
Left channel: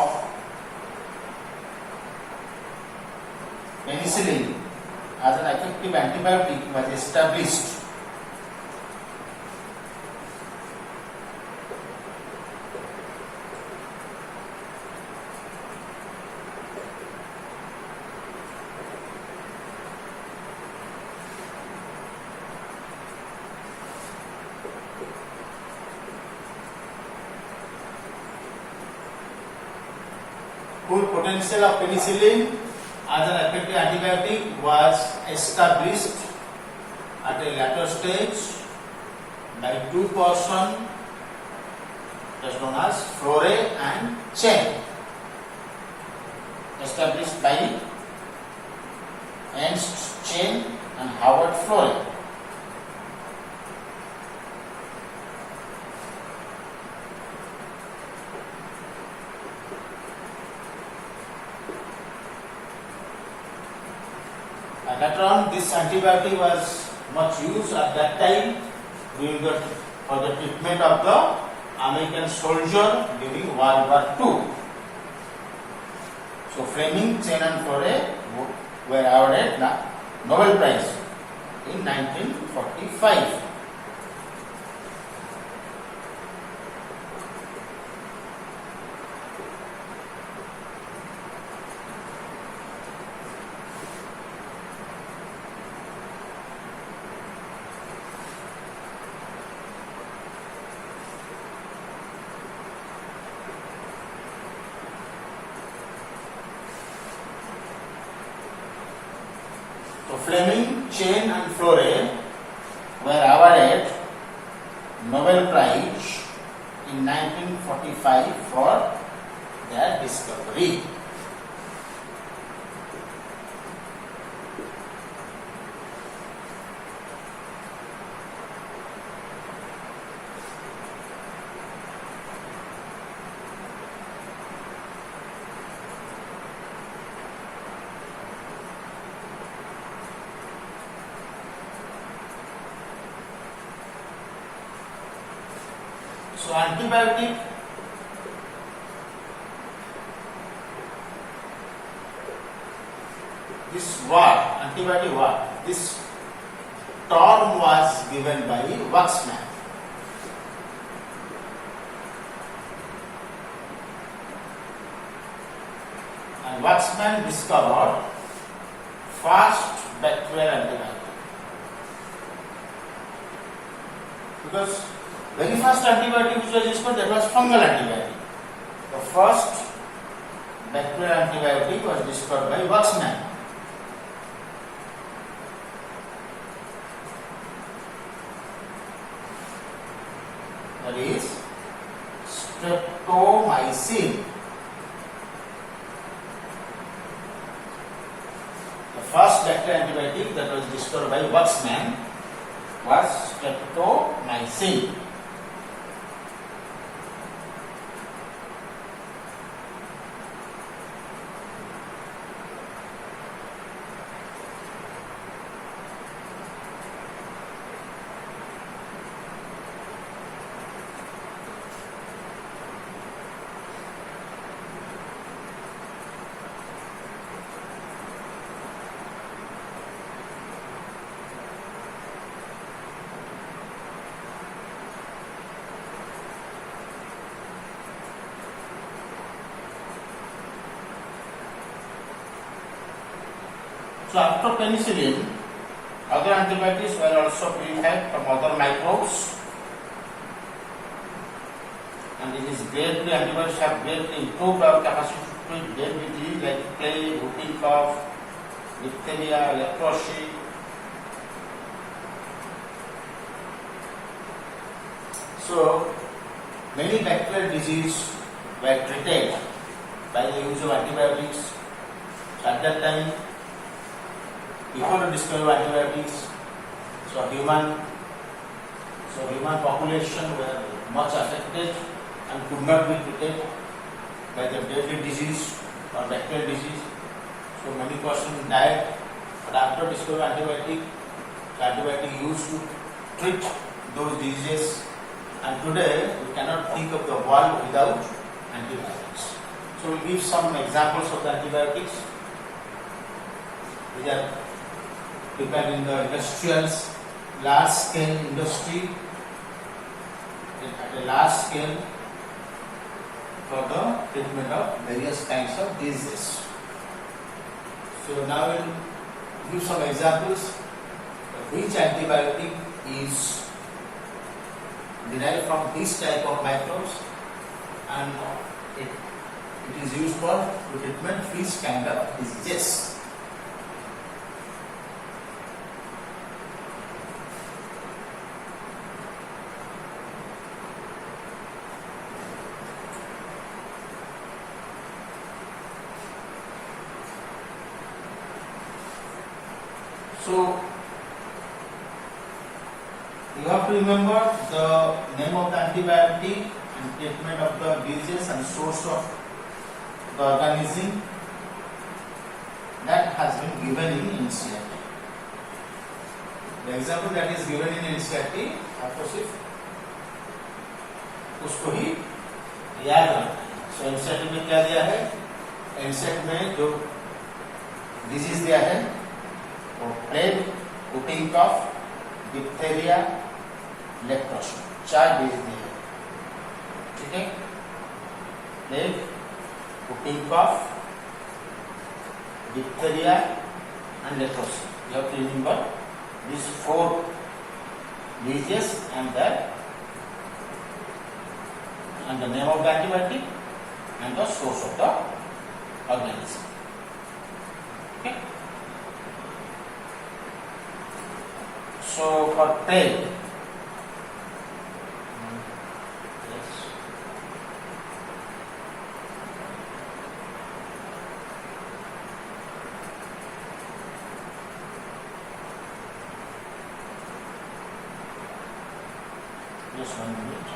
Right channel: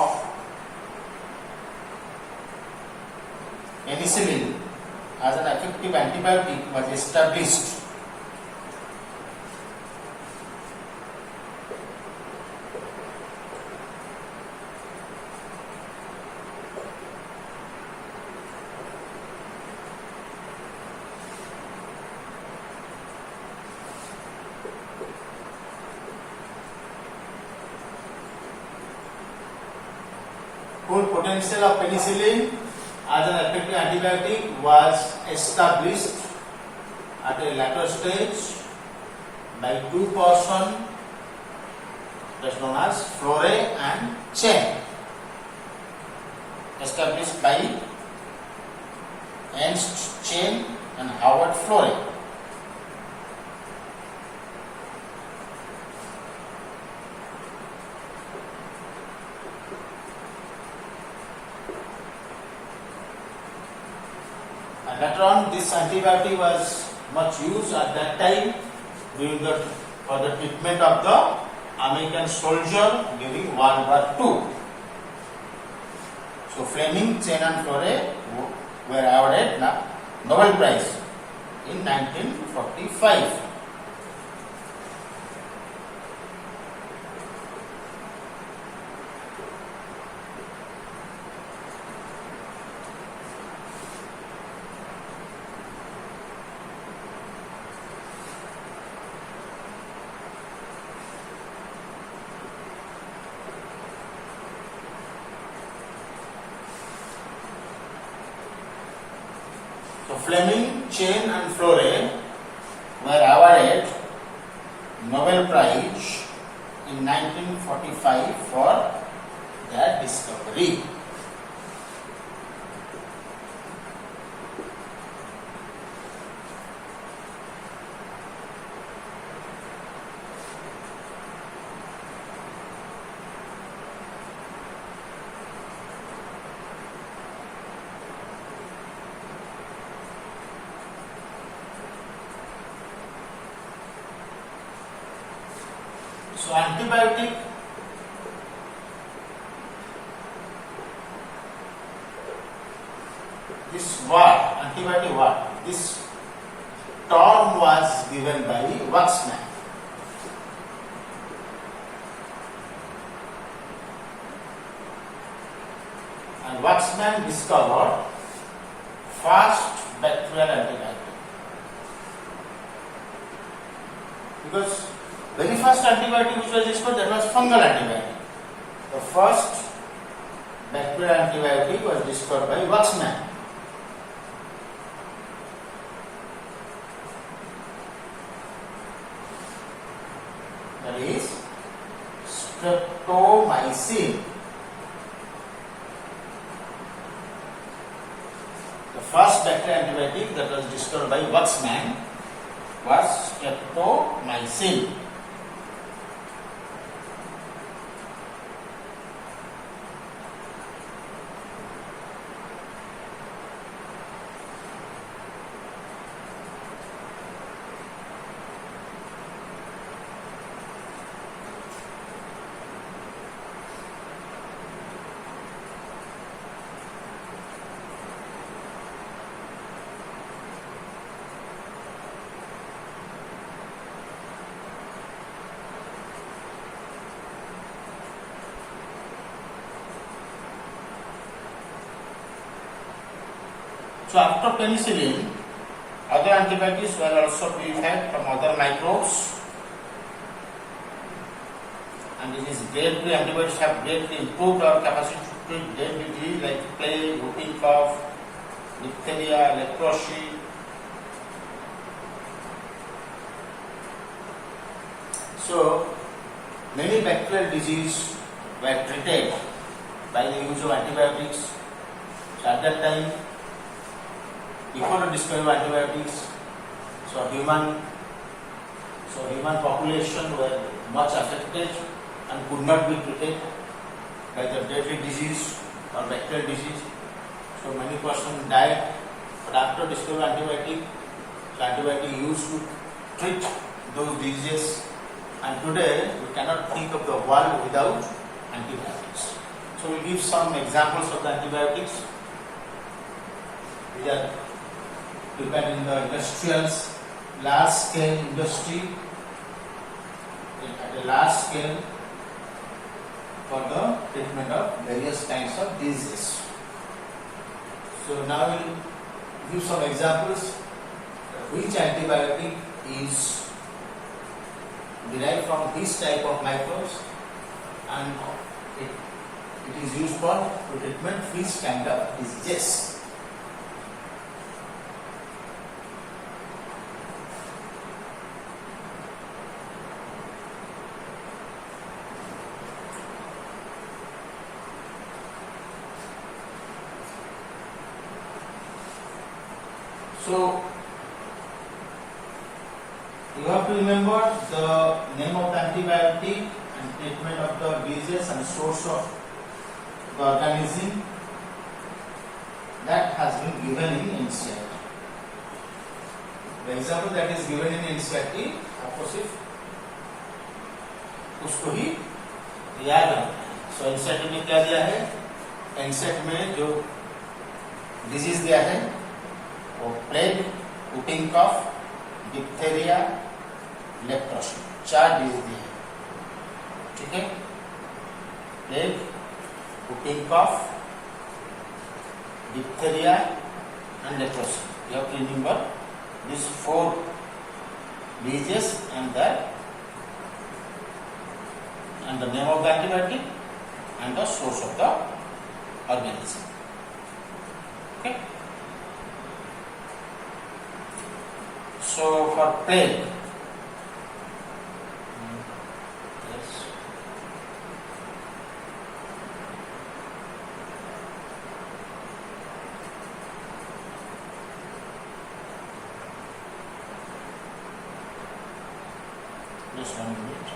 penicillin as an effective antibiotic was established. Full potential of penicillin as an effective antibiotic was established at a later stage by two persons that's known as Flore and Chen, established by Ernst Chen and Howard Flore. Later on, this antibiotic was much used at that time for the treatment of the American soldier during World War II. So, Fleming, Chen and Flore were awarded Nobel Prize in 1945. So, Fleming, Chen and Flore were awarded Nobel Prize in 1945 for their discovery. So antibiotic this word, antibiotic word, this term was given by Waxman. And Waxman discovered first bacterial antibiotic. Because very first antibiotic which was discovered, that was fungal antibiotic. The first bacterial antibiotic was discovered by Waxman. That is streptomycin. The first bacterial antibiotic that was discovered by Waxman was streptomycin. So after penicillin, other antibiotics were also purified from other microbes, and it is greatly antibiotics have greatly improved our capacity to treat deadly disease like plague, whooping cough, diphtheria, leprosy. So many bacterial diseases were treated by the use of antibiotics. So at that time, before the discovery of antibiotics, so human population were much affected and could not be treated by the deadly disease or bacterial disease. So many persons died. But after discovery of antibiotic, so antibiotic used to treat those diseases. And today we cannot think of the world without antibiotics. So we'll give some examples of the antibiotics. These are prepared in the industrial, large scale industry, at a large scale for the treatment of various kinds of diseases. So now we'll give some examples of which antibiotic is derived from this type of microbes, and it is used for treatment which kind of diseases. So you have to remember the name of the antibiotic and treatment of the disease and source of the organism that has been given in NCERT. The example that is given in NCERT आपको सिर्फ उसको ही याद रखना है. So NCERT में क्या दिया है? NCERT में जो डिजीज दिया है वो plague, whooping cough, diphtheria, leprosy, 4 disease दिए हैं. ठीक है? Plague, whooping cough, diphtheria and leprosy. You have to remember these 4 diseases and the name of the antibiotic and the source of the organism. Okay? So for plague, just 1 minute.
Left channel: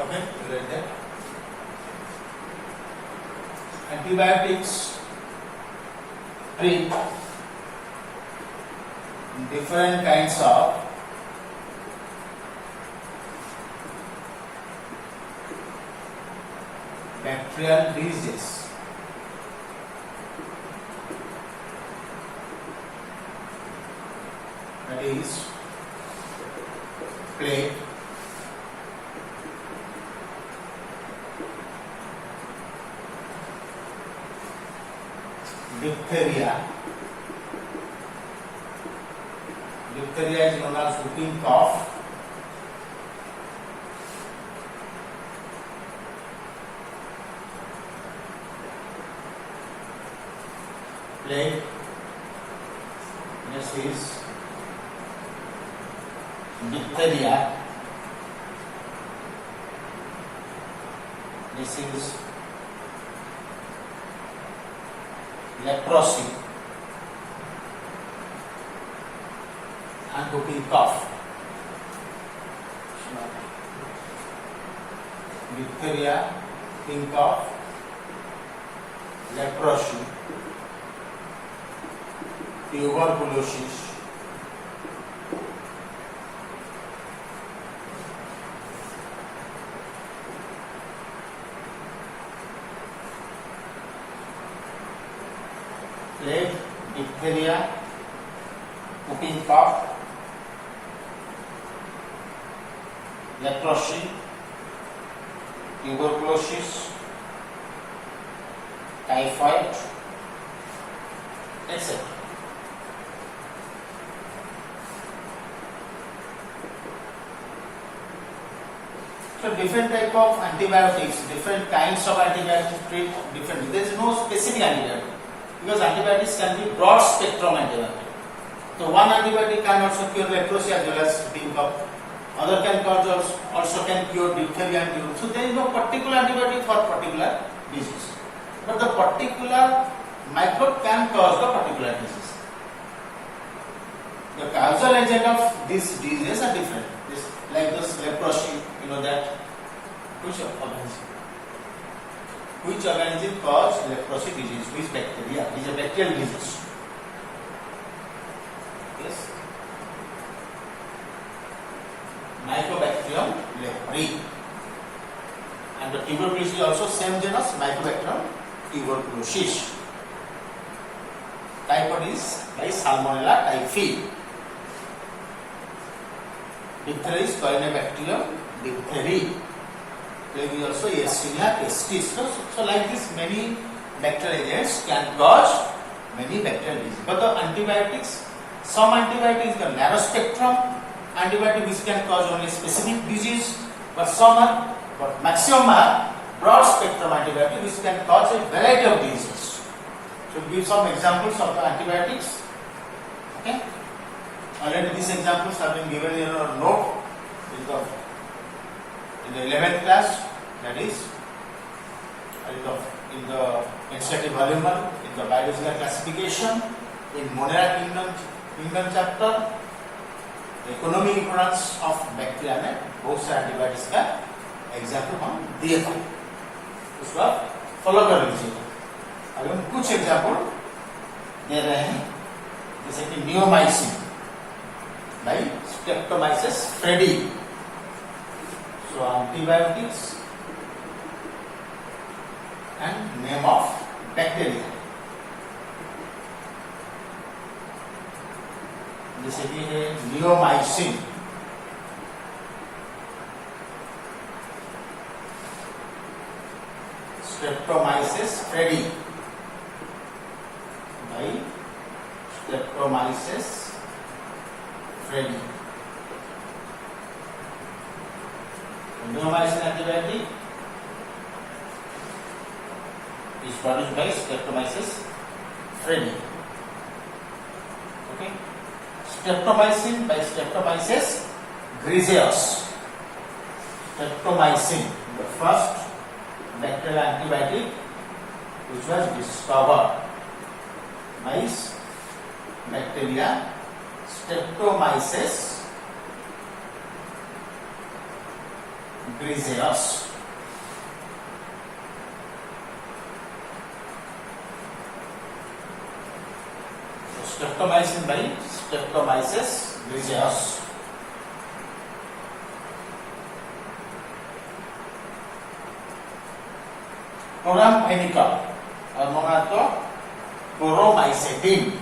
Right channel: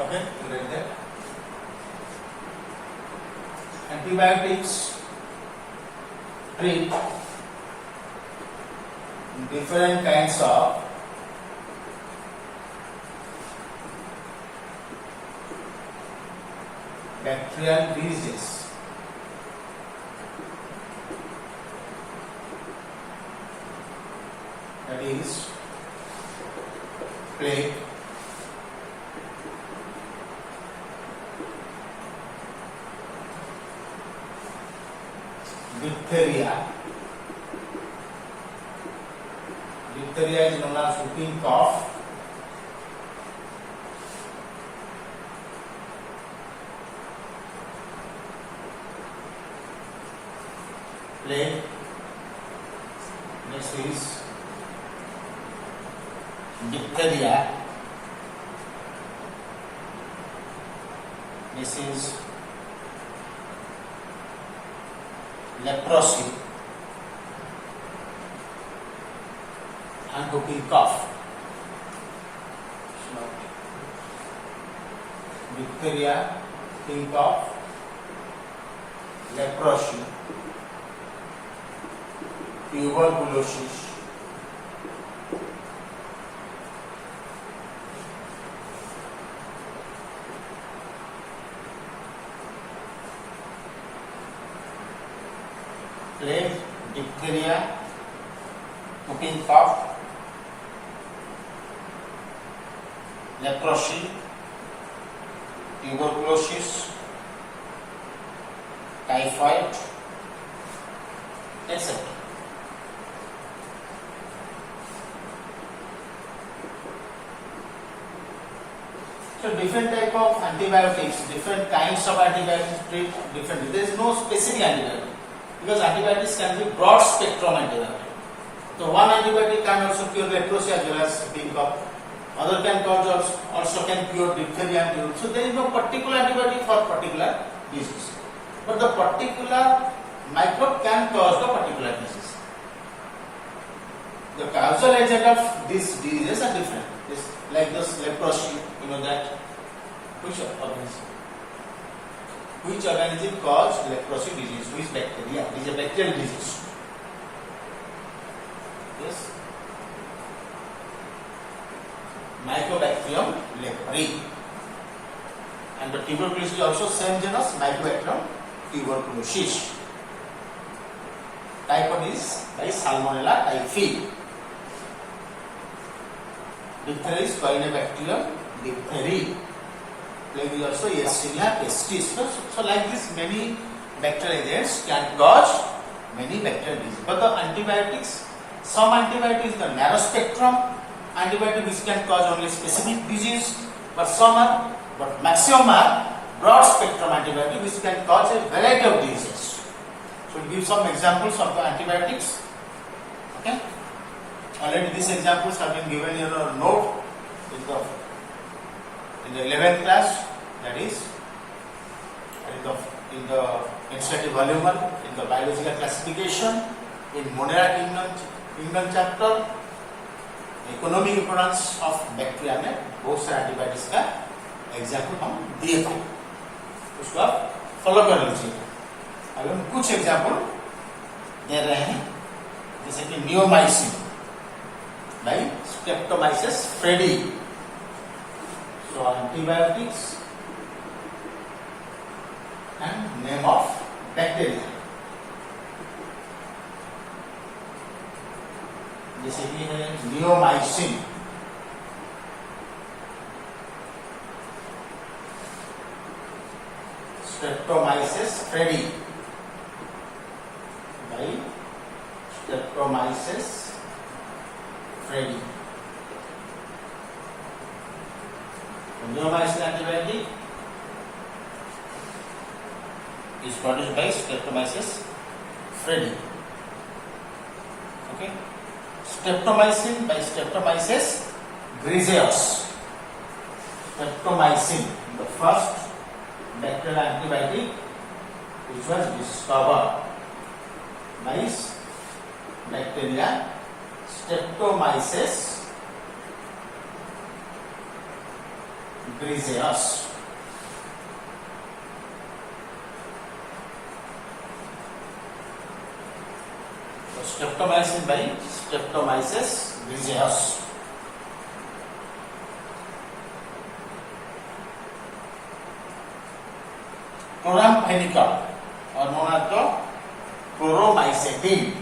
Okay, like that. Antibiotics treat different kinds of bacterial diseases. That is plague, diphtheria. Diphtheria is known as whooping cough. Plague. Next is diphtheria. This is leprosy and whooping cough. Diphtheria, whooping cough, leprosy, tuberculosis, plague, diphtheria, whooping cough, leprosy, tuberculosis, typhoid, etc. So different type of antibiotics, different kinds of antibiotics treat differently. There is no specific antibiotic because antibiotics can be broad spectrum antibiotic. So one antibiotic can also cure leprosy as well as whooping cough. Other can cause also can cure diphtheria and tuberculosis. So there is no particular antibiotic for particular disease, but the particular microbe can cause the particular disease. The causal agent of these diseases are different. Like this leprosy, you know that which organism cause leprosy disease? Which bacteria? It is a bacterial disease. Yes. Mycobacterium leprae. And the tuberculosis is also same genus, Mycobacterium tuberculosis. Typhoid is by Salmonella typhi. Diphtheria is Corynebacterium diphtheriae. Plague is also Yersinia pestis. So like this, many bacterial agents can cause many bacterial diseases. But the antibiotics, some antibiotics the narrow spectrum antibiotic which can cause only specific disease, but some are, but maximum are broad spectrum antibiotic which can cause a variety of diseases. So give some examples of the antibiotics. Okay. Already these examples have been given in your note in the 11th class, that is in the NCERT volume 1, in the biological classification, in Monera kingdom chapter, economic importance of bacteria में बहुत सारे antibiotics का example हम दिए थे, उसको आप follow कर लीजिए। अभी हम कुछ एग्जाम्पल दे रहे हैं, जैसे कि neomycin by Streptomyces freddie. So antibiotics and name of bacteria. जैसे कि है neomycin, Streptomyces freddie by Streptomyces freddie. Niyomaicin antibiotic is produced by Streptomyces freddie. Okay. Streptomycin by Streptomyces griseus. Streptomycin, the first bacterial antibiotic which was discovered by bacteria Streptomyces griseous. So streptomycin by Streptomyces griseous. Chloramphenicol, or known as the chloromycetin.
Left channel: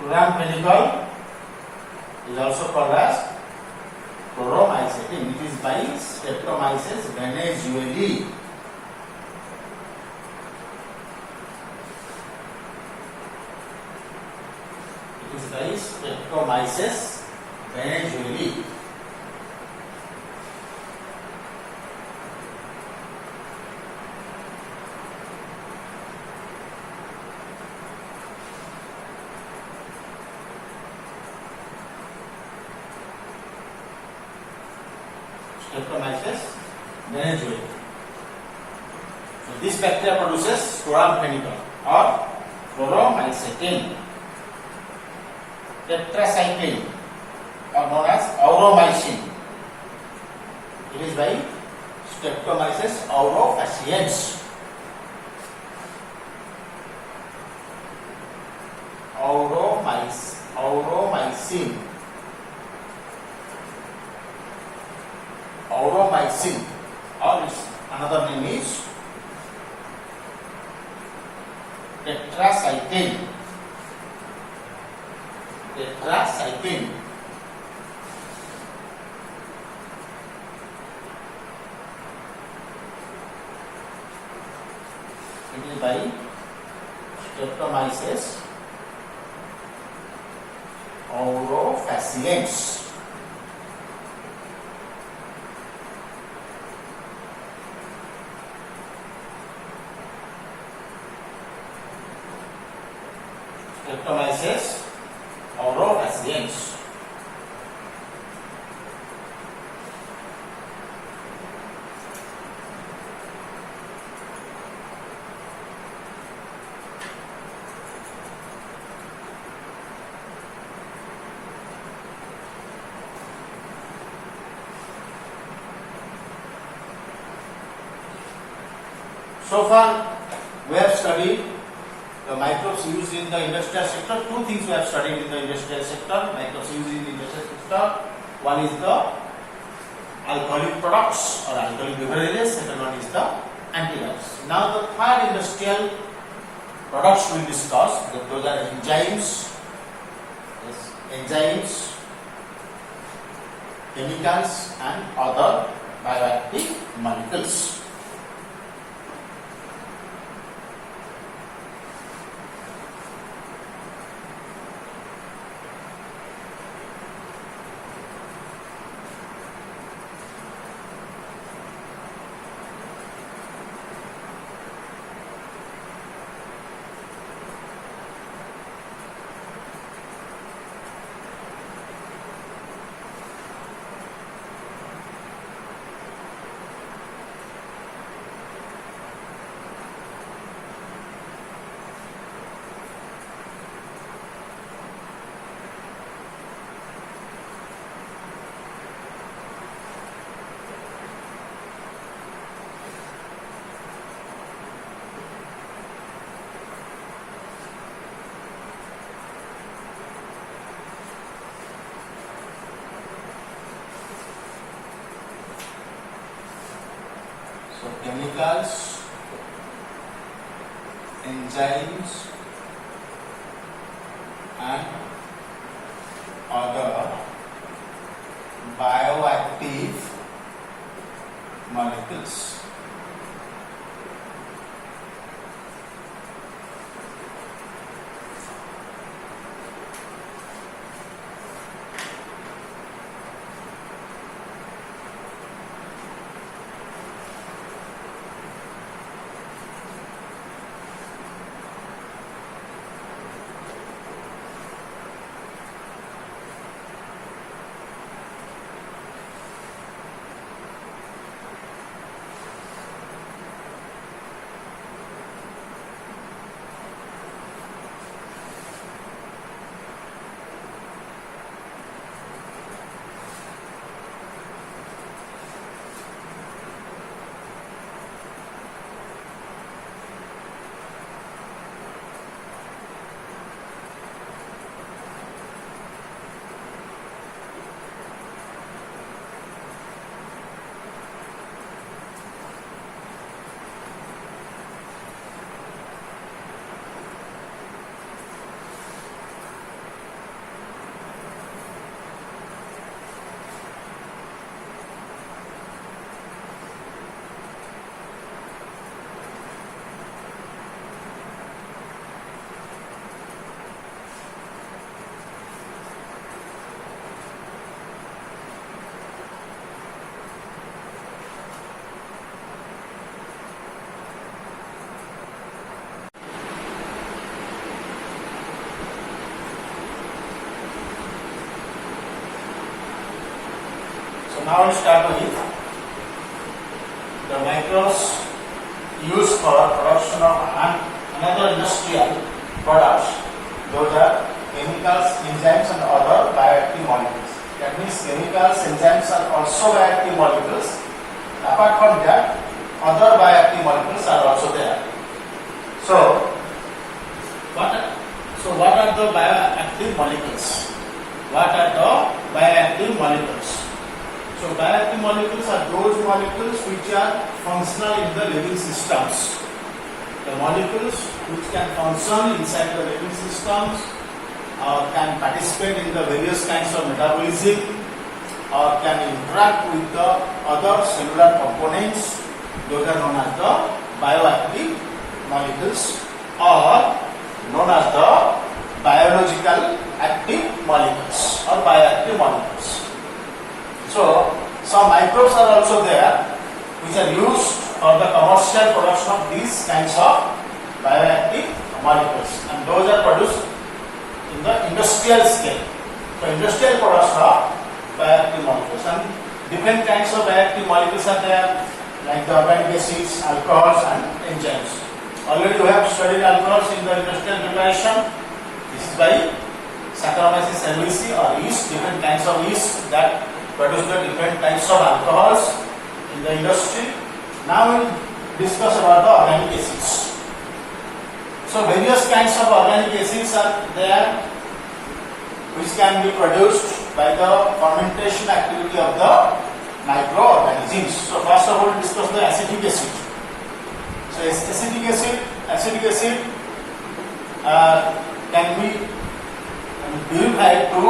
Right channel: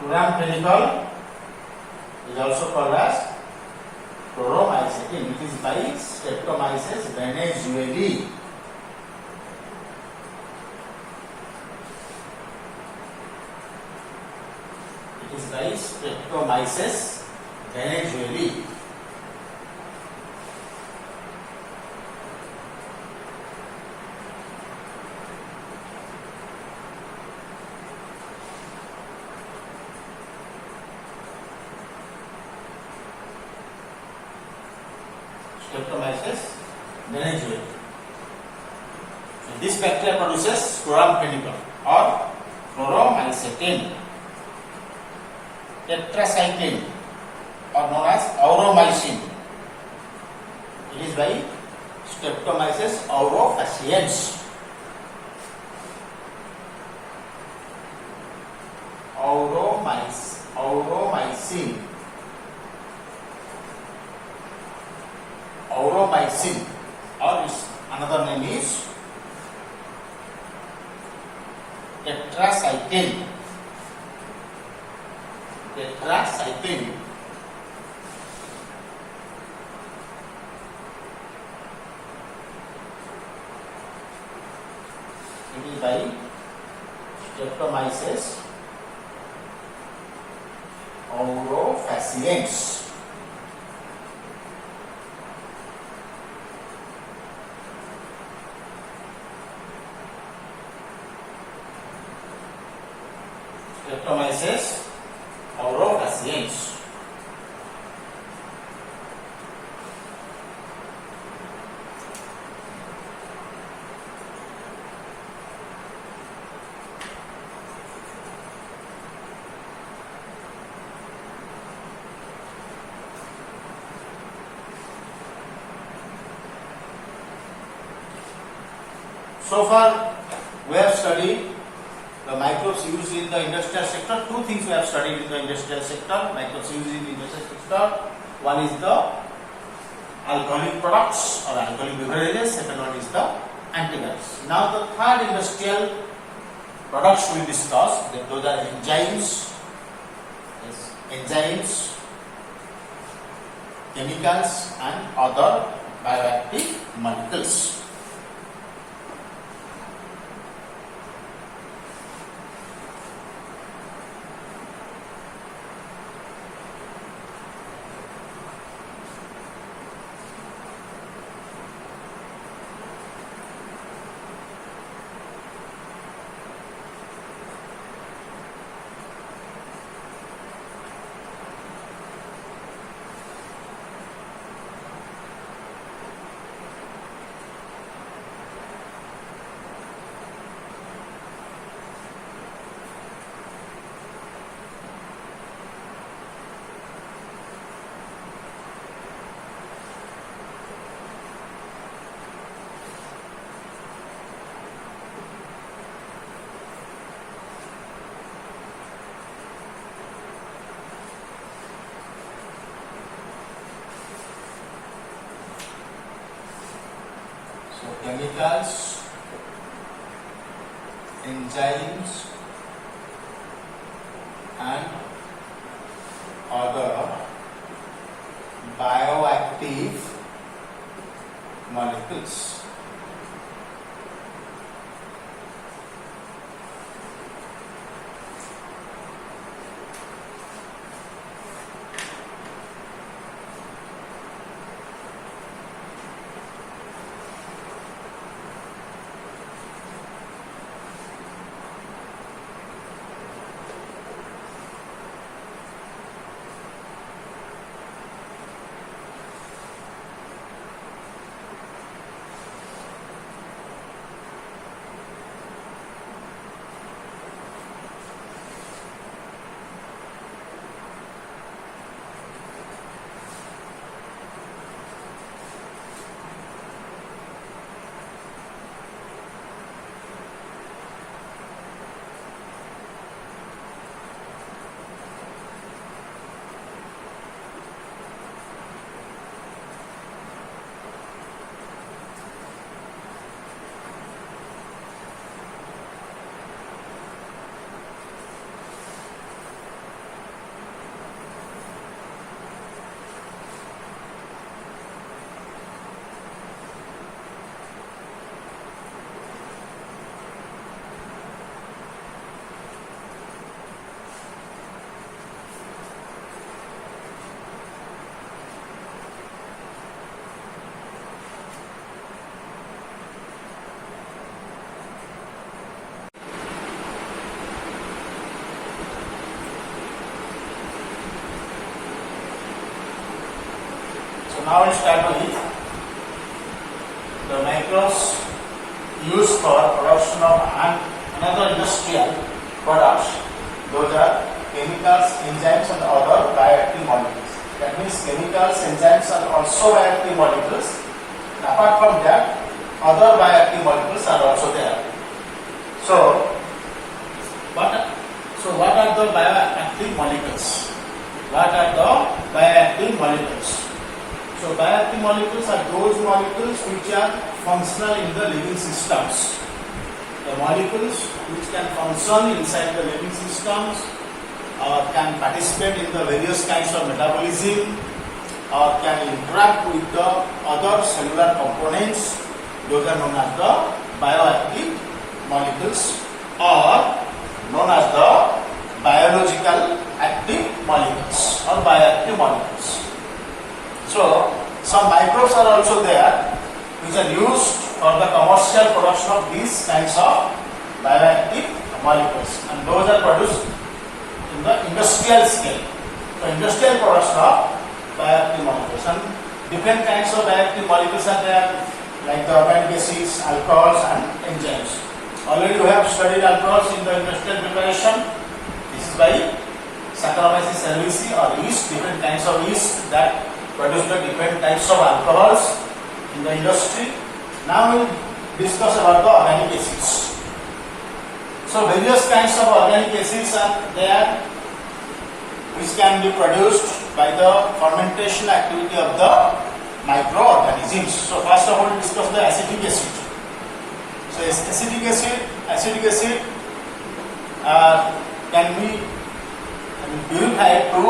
Chloramphenicol is also called as chloromycetin. It is by Streptomyces venezuelii. It is by Streptomyces venezuelii. Streptomyces venezuelii. So this bacteria produces chloramphenicol or chloromycetin, tetracycline, or known as auromycin. It is by Streptomyces aurofaciens. Auromycin. Auromycin, or its another name is tetracycline. Tetracycline. It is by Streptomyces aurofaciens. Streptomyces aurofaciens. So far, we have studied the microbes used in the industrial sector. Two things we have studied in the industrial sector. Microbes used in the industrial sector. One is the alcoholic products or alcoholic beverages. Second one is the antibiotics. Now the third industrial products we will discuss. Those are enzymes, chemicals, and other bioactive molecules. So chemicals, enzymes, and other bioactive molecules. now we start with the microbes used for production of another industrial products. Those are chemicals, enzymes and other bioactive molecules. That means chemicals, enzymes are also bioactive molecules. And apart from that, other bioactive molecules are also there. So what are the bioactive molecules? What are the bioactive molecules? So bioactive molecules are those molecules which are functional in the living systems. The molecules which can function inside the living systems or can participate in the various kinds of metabolism or can interact with the other cellular components. Those are known as the bioactive molecules or known as the biological active molecules or bioactive molecules. So some microbes are also there which are used for the commercial production of these kinds of bioactive molecules, and those are produced in the industrial scale. So industrial production of bioactive molecules, and different kinds of bioactive molecules are there, like the organic acids, alcohols and enzymes. Already we have studied alcohols in the industrial preparation. This is by Saccharomyces cerevisiae or yeast, different kinds of yeast that produce the different types of alcohols in the industry. Now we will discuss about the organic acids. So various kinds of organic acids are there which can be produced by the fermentation activity of the microorganisms. So first of all, we discuss the acetic acid. So acetic acid can be purified to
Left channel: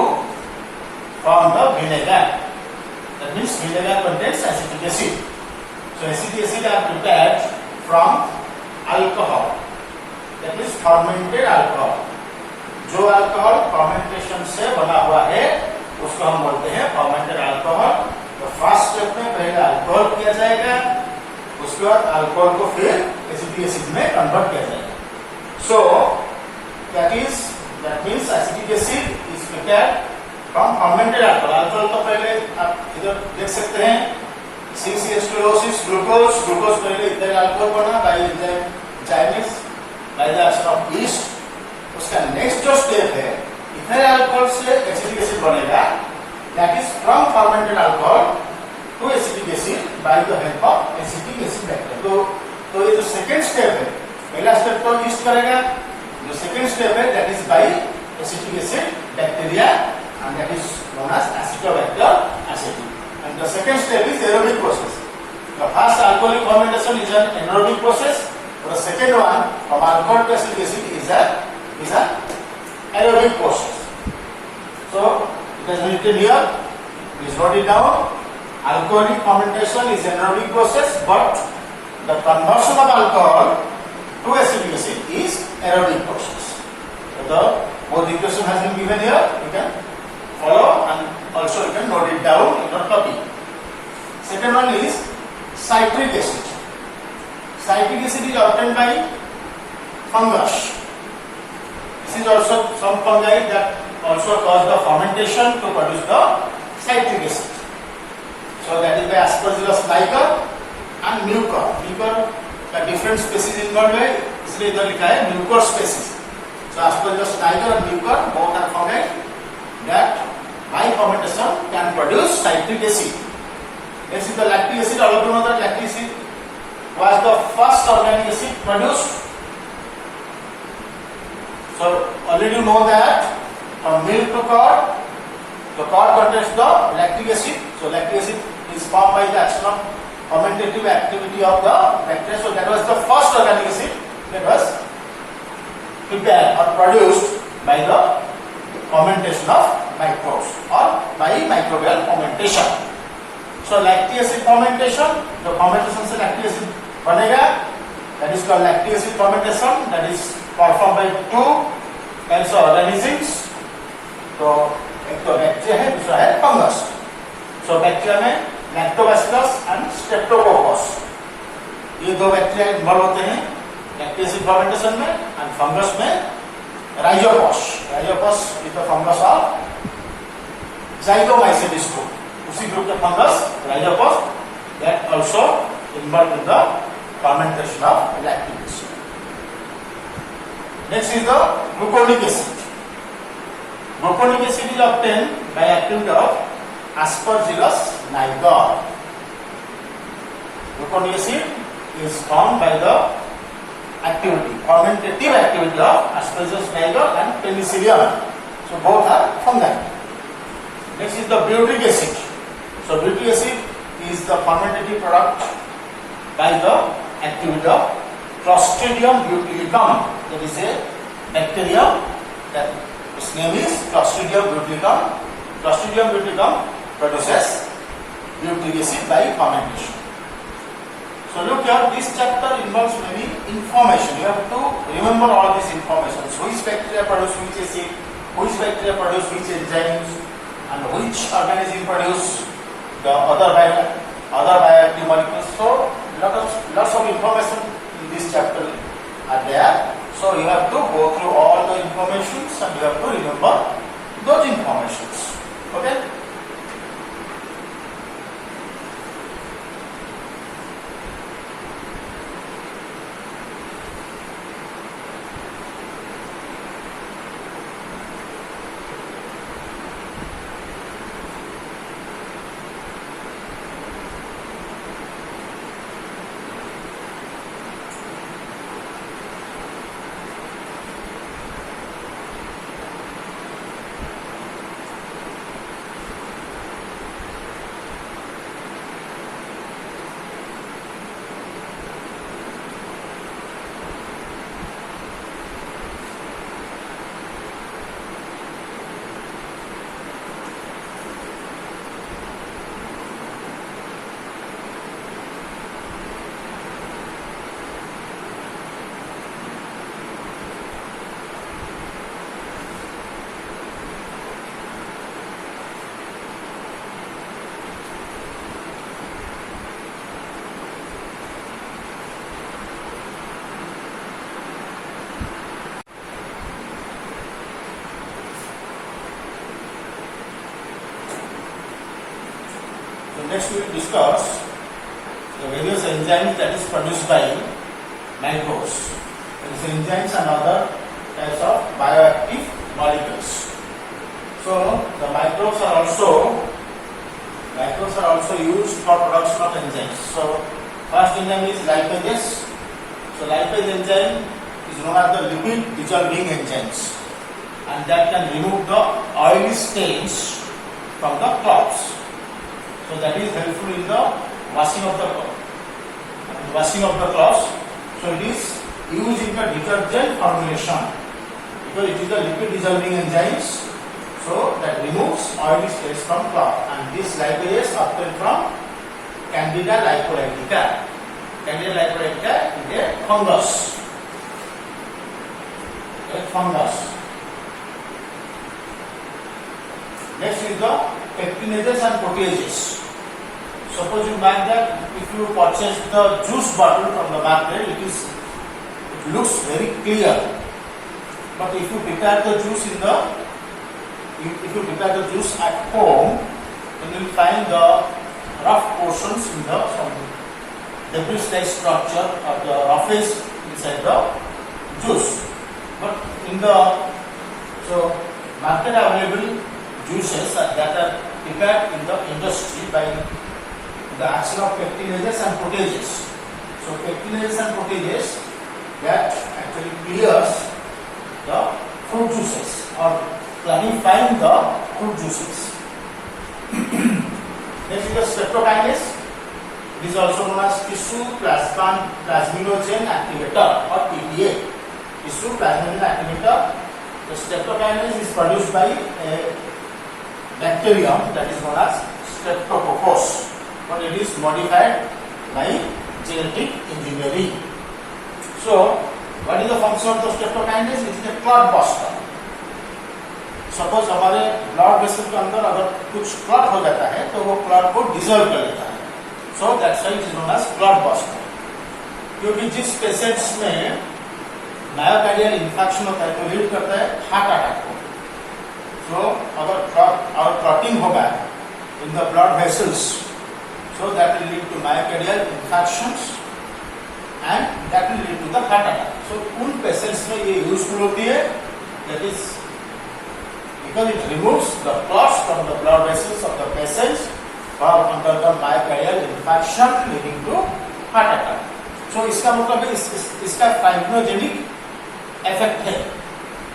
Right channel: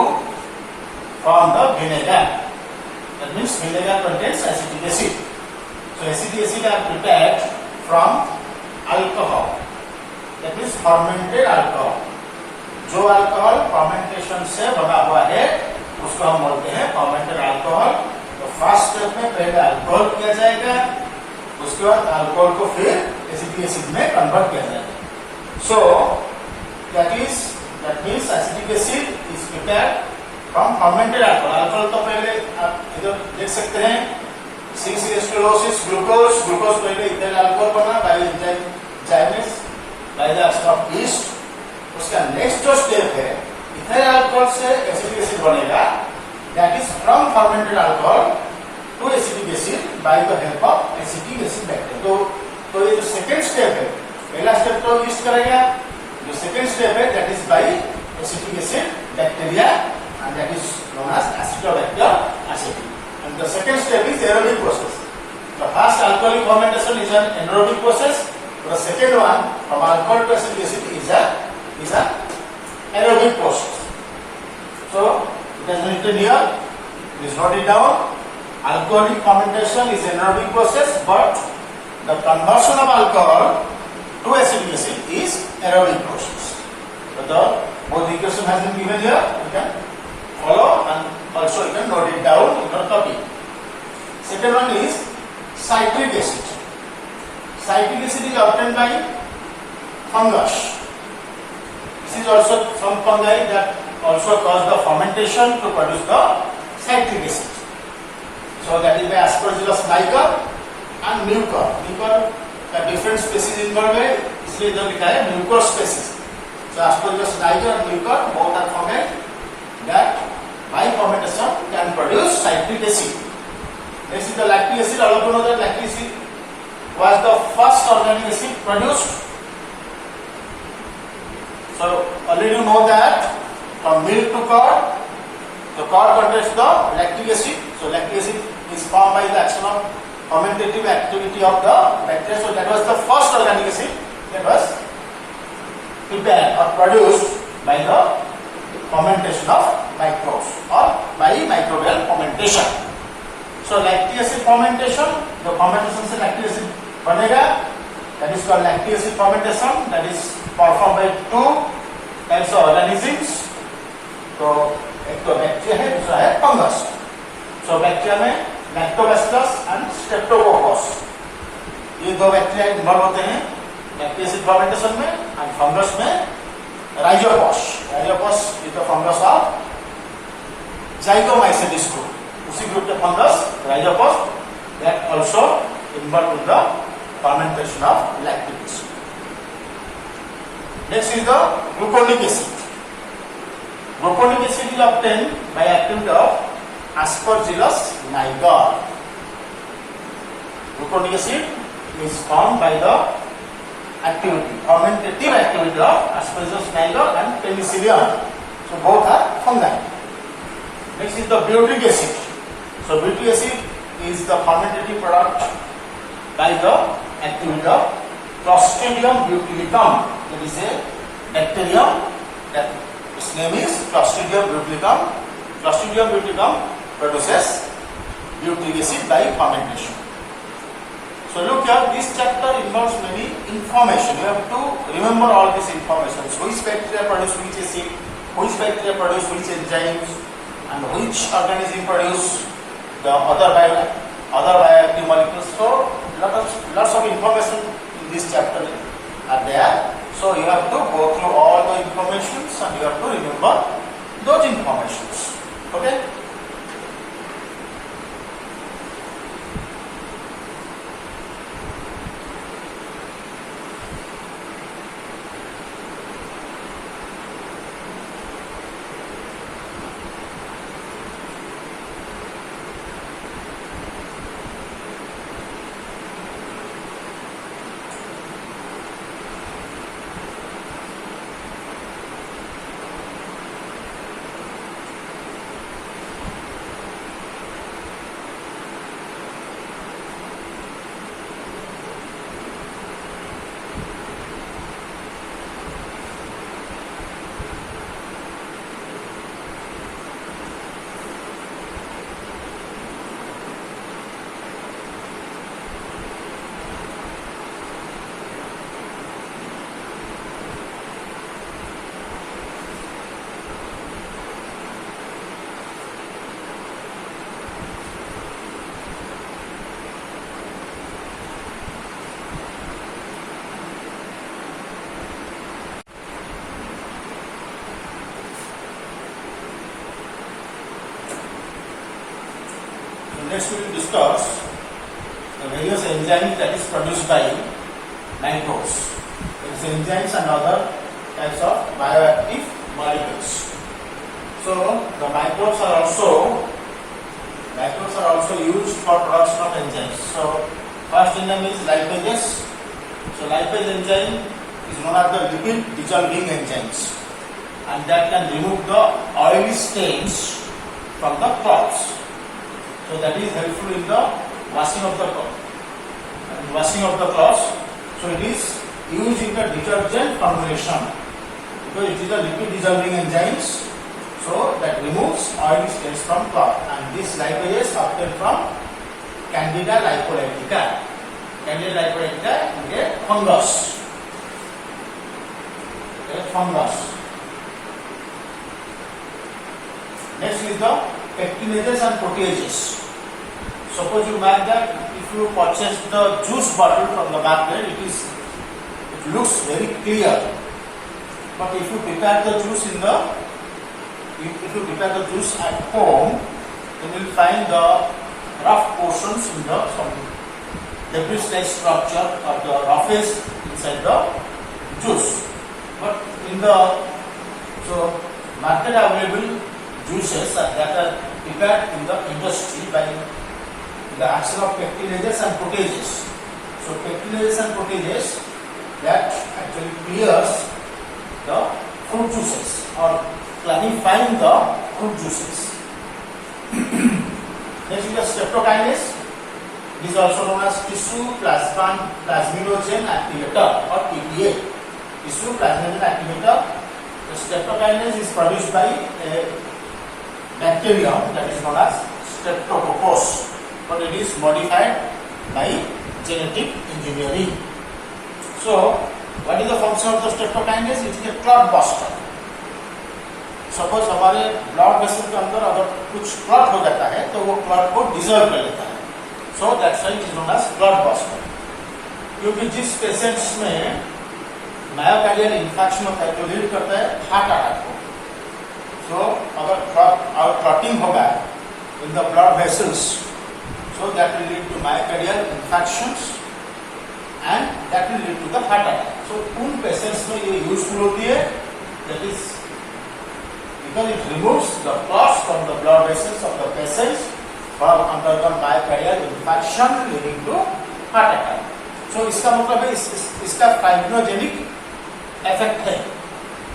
form the vinegar. That means vinegar contains acetic acid. So acetic acid are prepared from alcohol. That means fermented alcohol. जो alcohol fermentation से बना हुआ है उसको हम बोलते हैं fermented alcohol. तो फर्स्ट स्टेप में पहले अल्कोहल किया जाएगा, उसके बाद अल्कोहल को फिर एसिटिक एसिड में कन्वर्ट किया जाएगा. So that means acetic acid is prepared from fermented alcohol. Alcohol तो पहले आप इधर देख सकते हैं CCH2 ग्लूकोज पहले इथाइल अल्कोहल बना by enzyme zymase by the action of yeast. उसका नेक्स्ट जो स्टेप है इथाइल अल्कोहल से एसिटिक एसिड बनेगा. That is from fermented alcohol to acetic acid by the help of acetic acid bacteria. तो ये जो second step है, पहला स्टेप तो यीस्ट करेगा, जो सेकेंड स्टेप है that is by acetic acid bacteria and that is known as Acetobacter aceti. And the second step is aerobic process. The first alcoholic fermentation is an anaerobic process. The second one from alcohol to acetic acid is an aerobic process. So it is written here. Please note it down. Alcoholic fermentation is an anaerobic process, but the conversion of alcohol to acetic acid is aerobic process. So the both equation has been given here. You can follow and also you can note it down in your copy. Second one is citric acid. Citric acid is obtained by fungus. This is also some fungi that also cause the fermentation to produce the citric acid. So that is by Aspergillus niger and mucor. Mucor the different species involved है, इसलिए इधर लिखा है mucor species. So Aspergillus niger and mucor both are fungi that by fermentation can produce citric acid. Next is the lactic acid. All of you know that lactic acid was the first organic acid produced. So already you know that from milk to curd, the curd contains the lactic acid. So lactic acid is formed by the action of fermentative activity of the bacteria. So that was the first organic acid that was prepared or produced by the fermentation of microbes or by microbial fermentation. So lactic acid fermentation, the fermentation से lactic acid बनेगा, that is called lactic acid fermentation. That is performed by two types of organisms. तो एक तो bacteria है, दूसरा है fungus. So bacteria में lactobacillus and Streptococcus, ये दो बैक्टीरिया इन्वॉल्व होते हैं लैक्टिक एसिड फर्मेंटेशन में. एंड फंगस में Rhizopus is the fungus of Zygomycetes group. उसी ग्रुप का fungus Rhizopus that also involved in the fermentation of lactic acid. Next is the gluconic acid. Gluconic acid is obtained by activity of Aspergillus niger. Gluconic acid is formed by the fermentative activity of Aspergillus niger and Penicillium. So both are fungi. Next is the butyric acid. So butyric acid is the fermentative product by the activity of Clostridium butylicum. That is a bacterium that its name is Clostridium butylicum. Clostridium butylicum produces butyric acid by fermentation. So look here, this chapter involves many information. You have to remember all these information. Which bacteria produce which acid, which bacteria produce which enzymes, and which organism produce the other bioactive molecules. So lots of information in this chapter are there. So you have to go through all the informations and you have to remember those informations. Okay. Next we will discuss the various enzymes that is produced by microbes. These enzymes and other types of bioactive molecules. So the microbes are also used for production of enzymes. So first enzyme is lipase. So lipase enzyme is one of the lipid dissolving enzymes, and that can remove the oily stains from the cloths. So that is helpful in the washing of the cloths. So it is used in the detergent formulation because it is the lipid dissolving enzymes. So that removes oily stains from cloth. And this lipase is obtained from Candida lipolytica. Candida lipolytica is a fungus. Next is the pectinases and proteases. Suppose you mark that if you purchase the juice bottle from the market, it looks very clear. But if you prepare the juice at home, then you will find the rough portions in the debris-like structure or the roughage inside the juice. But in the market available juices that are prepared in the industry by the action of pectinases and proteases. So pectinases and proteases that actually clears the fruit juices or clarifying the fruit juices. Next is the streptokinase. It is also known as tissue plasminogen activator or TPA. Tissue plasminogen activator. The streptokinase is produced by a bacterium that is known as Streptococcus, but it is modified by genetic engineering. So, what is the function of the streptokinase? It is a clot buster. Suppose हमारे blood vessel के अंदर अगर कुछ clot हो जाता है तो वो क्लॉट को डिजोल्व कर लेता है. So that's why it is known as clot buster. क्योंकि जिस पेशेंट्स में मायोकार्डियल इंफेक्शन होता है तो लीड करता है हार्ट अटैक को. तो अगर क्लॉटिंग होगा in the blood vessels. So that will lead to myocardial infarctions and that will lead to the heart attack. So उन पेशेंट्स में ये यूजफुल होती है, that is because it removes the clots from the blood vessels of the patients from undergone myocardial infarction leading to heart attack. So इसका मतलब है इसका फाइब्रोजेनिक effect है,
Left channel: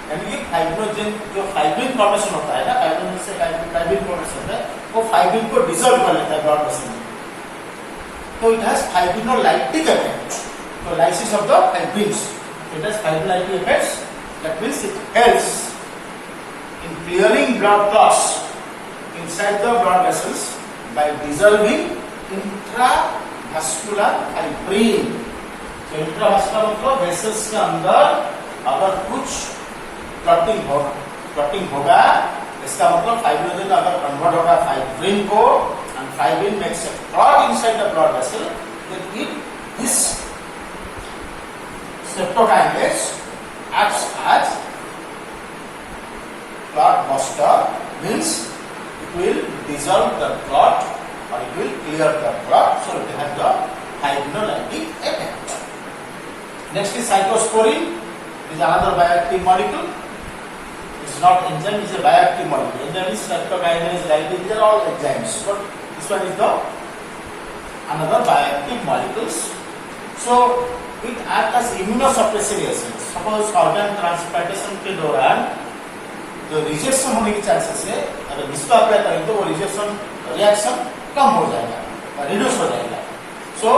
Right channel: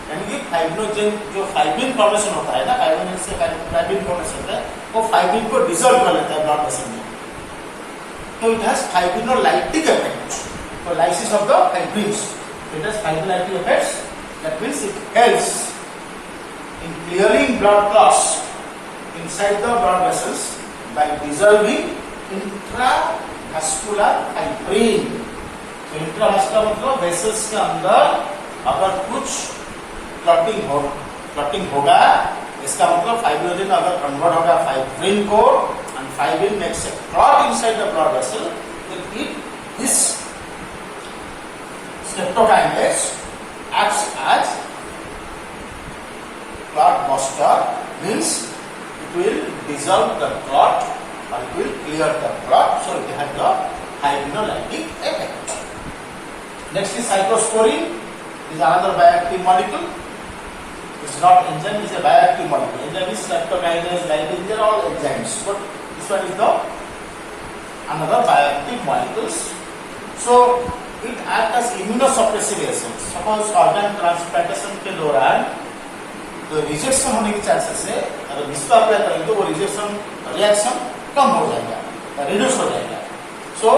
यानी ये फाइब्रोजेन जो फाइब्रिन फॉर्मेशन होता है ना, फाइब्रोजेन से फाइब्रिन फॉर्मेशन है, वो फाइब्रिन को डिसॉल्व कर लेता है ब्लड वेसल में. So it has fibrinolytic effect. So lysis of the fibrins. It has fibrinolytic effects. That means it helps in clearing blood clots inside the blood vessels by dissolving intravascular fibrin. So intravascular मतलब vessels के अंदर अगर कुछ clotting होगा, इसका मतलब फाइब्रोजेन अगर convert होगा फाइब्रिन को, and fibrin makes a clot inside the blood vessel, then this streptokinase acts as clot buster, means it will dissolve the clot or it will clear the clot, so it has the fibrinolytic effect. Next is cyclosporine. It is another bioactive molecule. It's not enzyme, it's a bioactive molecule. Enzyme is streptokinase, lysine, they are all enzymes. But this one is the another bioactive molecules. So it acts as immunosuppressive agent. Suppose organ transplantation के दौरान जो rejection होने की chances है, अगर इसको apply करेंगे तो वो रिजेक्शन रिएक्शन कम हो जाएगा, रिड्यूस हो जाएगा. So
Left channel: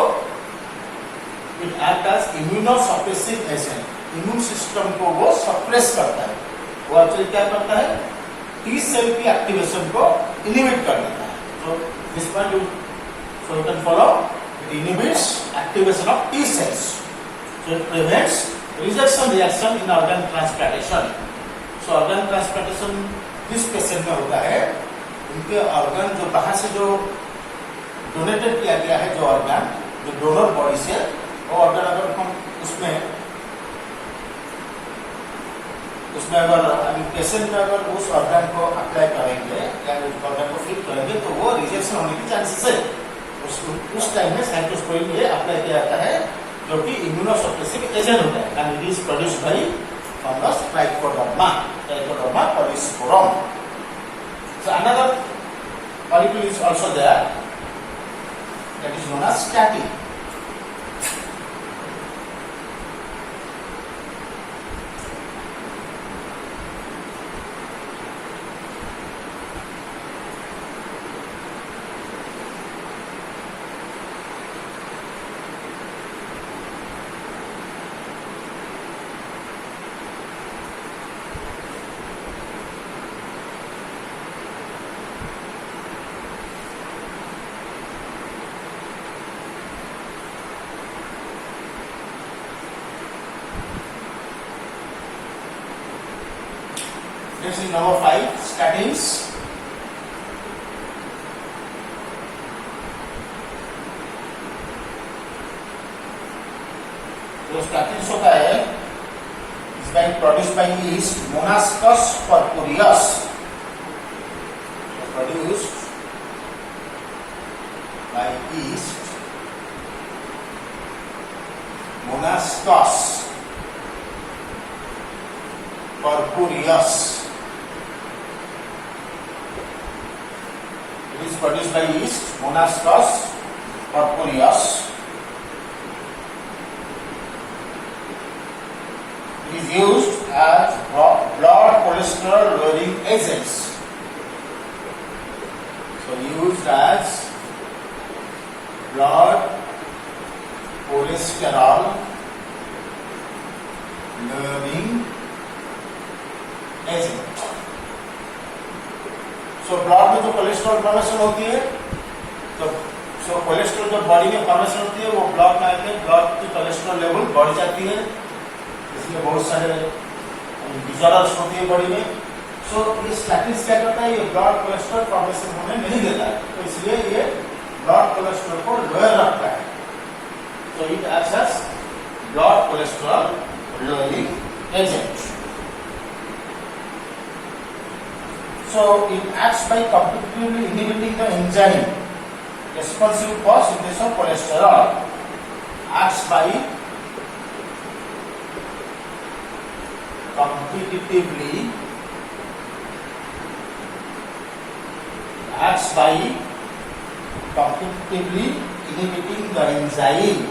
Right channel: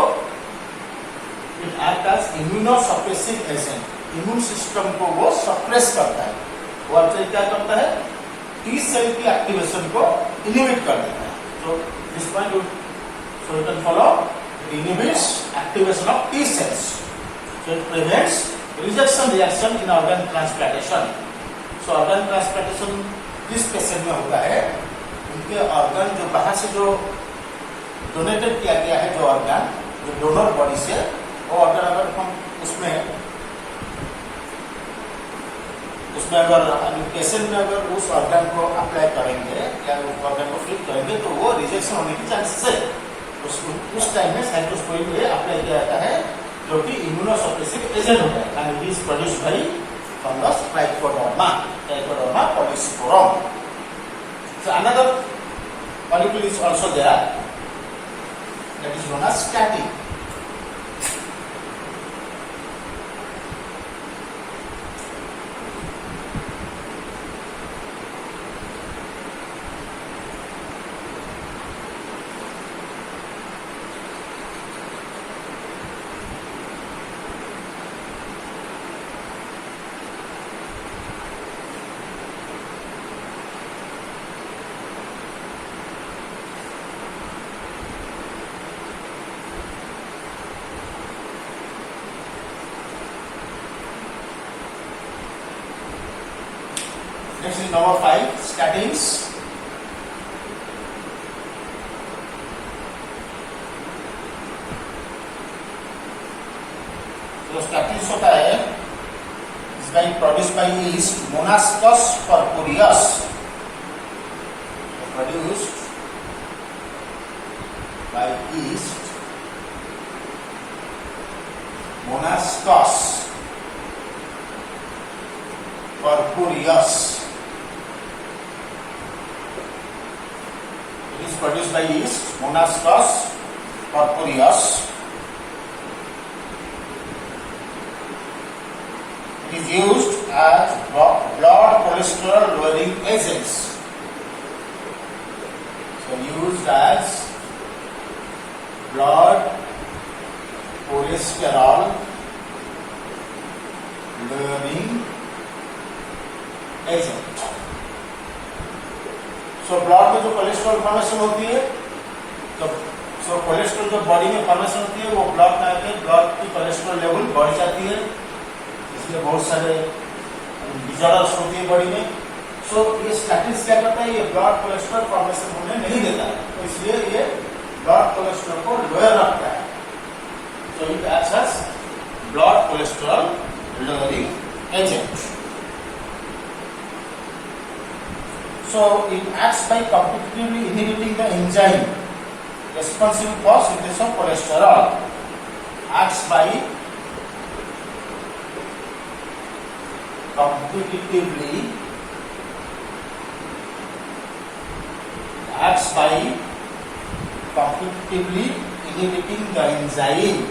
it acts as immunosuppressive agent. Immune system को वो सप्रेस करता है. वो अच्छा क्या करता है, टी सेल की एक्टिवेशन को इनिबिट कर देता है. So this point you can follow. It inhibits activation of T cells. So it prevents rejection reaction in organ transplantation. So organ transplantation किस पेशेंट में होता है, उनके ऑर्गन जो बाहर से जो डोनेटेड किया गया है, जो ऑर्गन जो डोनर बॉडी से, वो ऑर्गन अगर हम उसमें अगर पेशेंट में अगर उस ऑर्गन को अप्लाई करेंगे या उस ऑर्गन को फिट करेंगे तो वो रिजेक्शन होने की चांसेस है. उस टाइम में साइक्लोस्पोरिन ये अप्लाई किया जाता है, जो कि इम्यूनोसप्रेसिव एजेंट होता है, and it is produced by fungus Trichoderma polysporum. So another molecule is also there, that is known as statin. Next is number 5, statins. जो statins होता है, is being produced by yeast Monascus purpureus. Produced by yeast Monascus purpureus. It is produced by yeast Monascus purpureus. It is used as blood cholesterol lowering agents. So used as blood cholesterol lowering agent. So blood में जो cholesterol formation होती है, तो cholesterol जो body में formation होती है, वो ब्लड में आके ब्लड की कोलेस्ट्रॉल लेवल बढ़ जाती है, इसलिए बहुत सारे डिजॉर्डर्स होती है बॉडी में. सो ये स्टैटिन क्या करता है, ये ब्लड कोलेस्ट्रॉल फॉर्मेशन होने नहीं देता है, तो इसलिए ये ब्लड कोलेस्ट्रॉल को लोअर रखता है. So it acts as blood cholesterol lowering agent. So it acts by competitively inhibiting the enzyme responsible for synthesis of cholesterol. Acts by competitively inhibiting the enzyme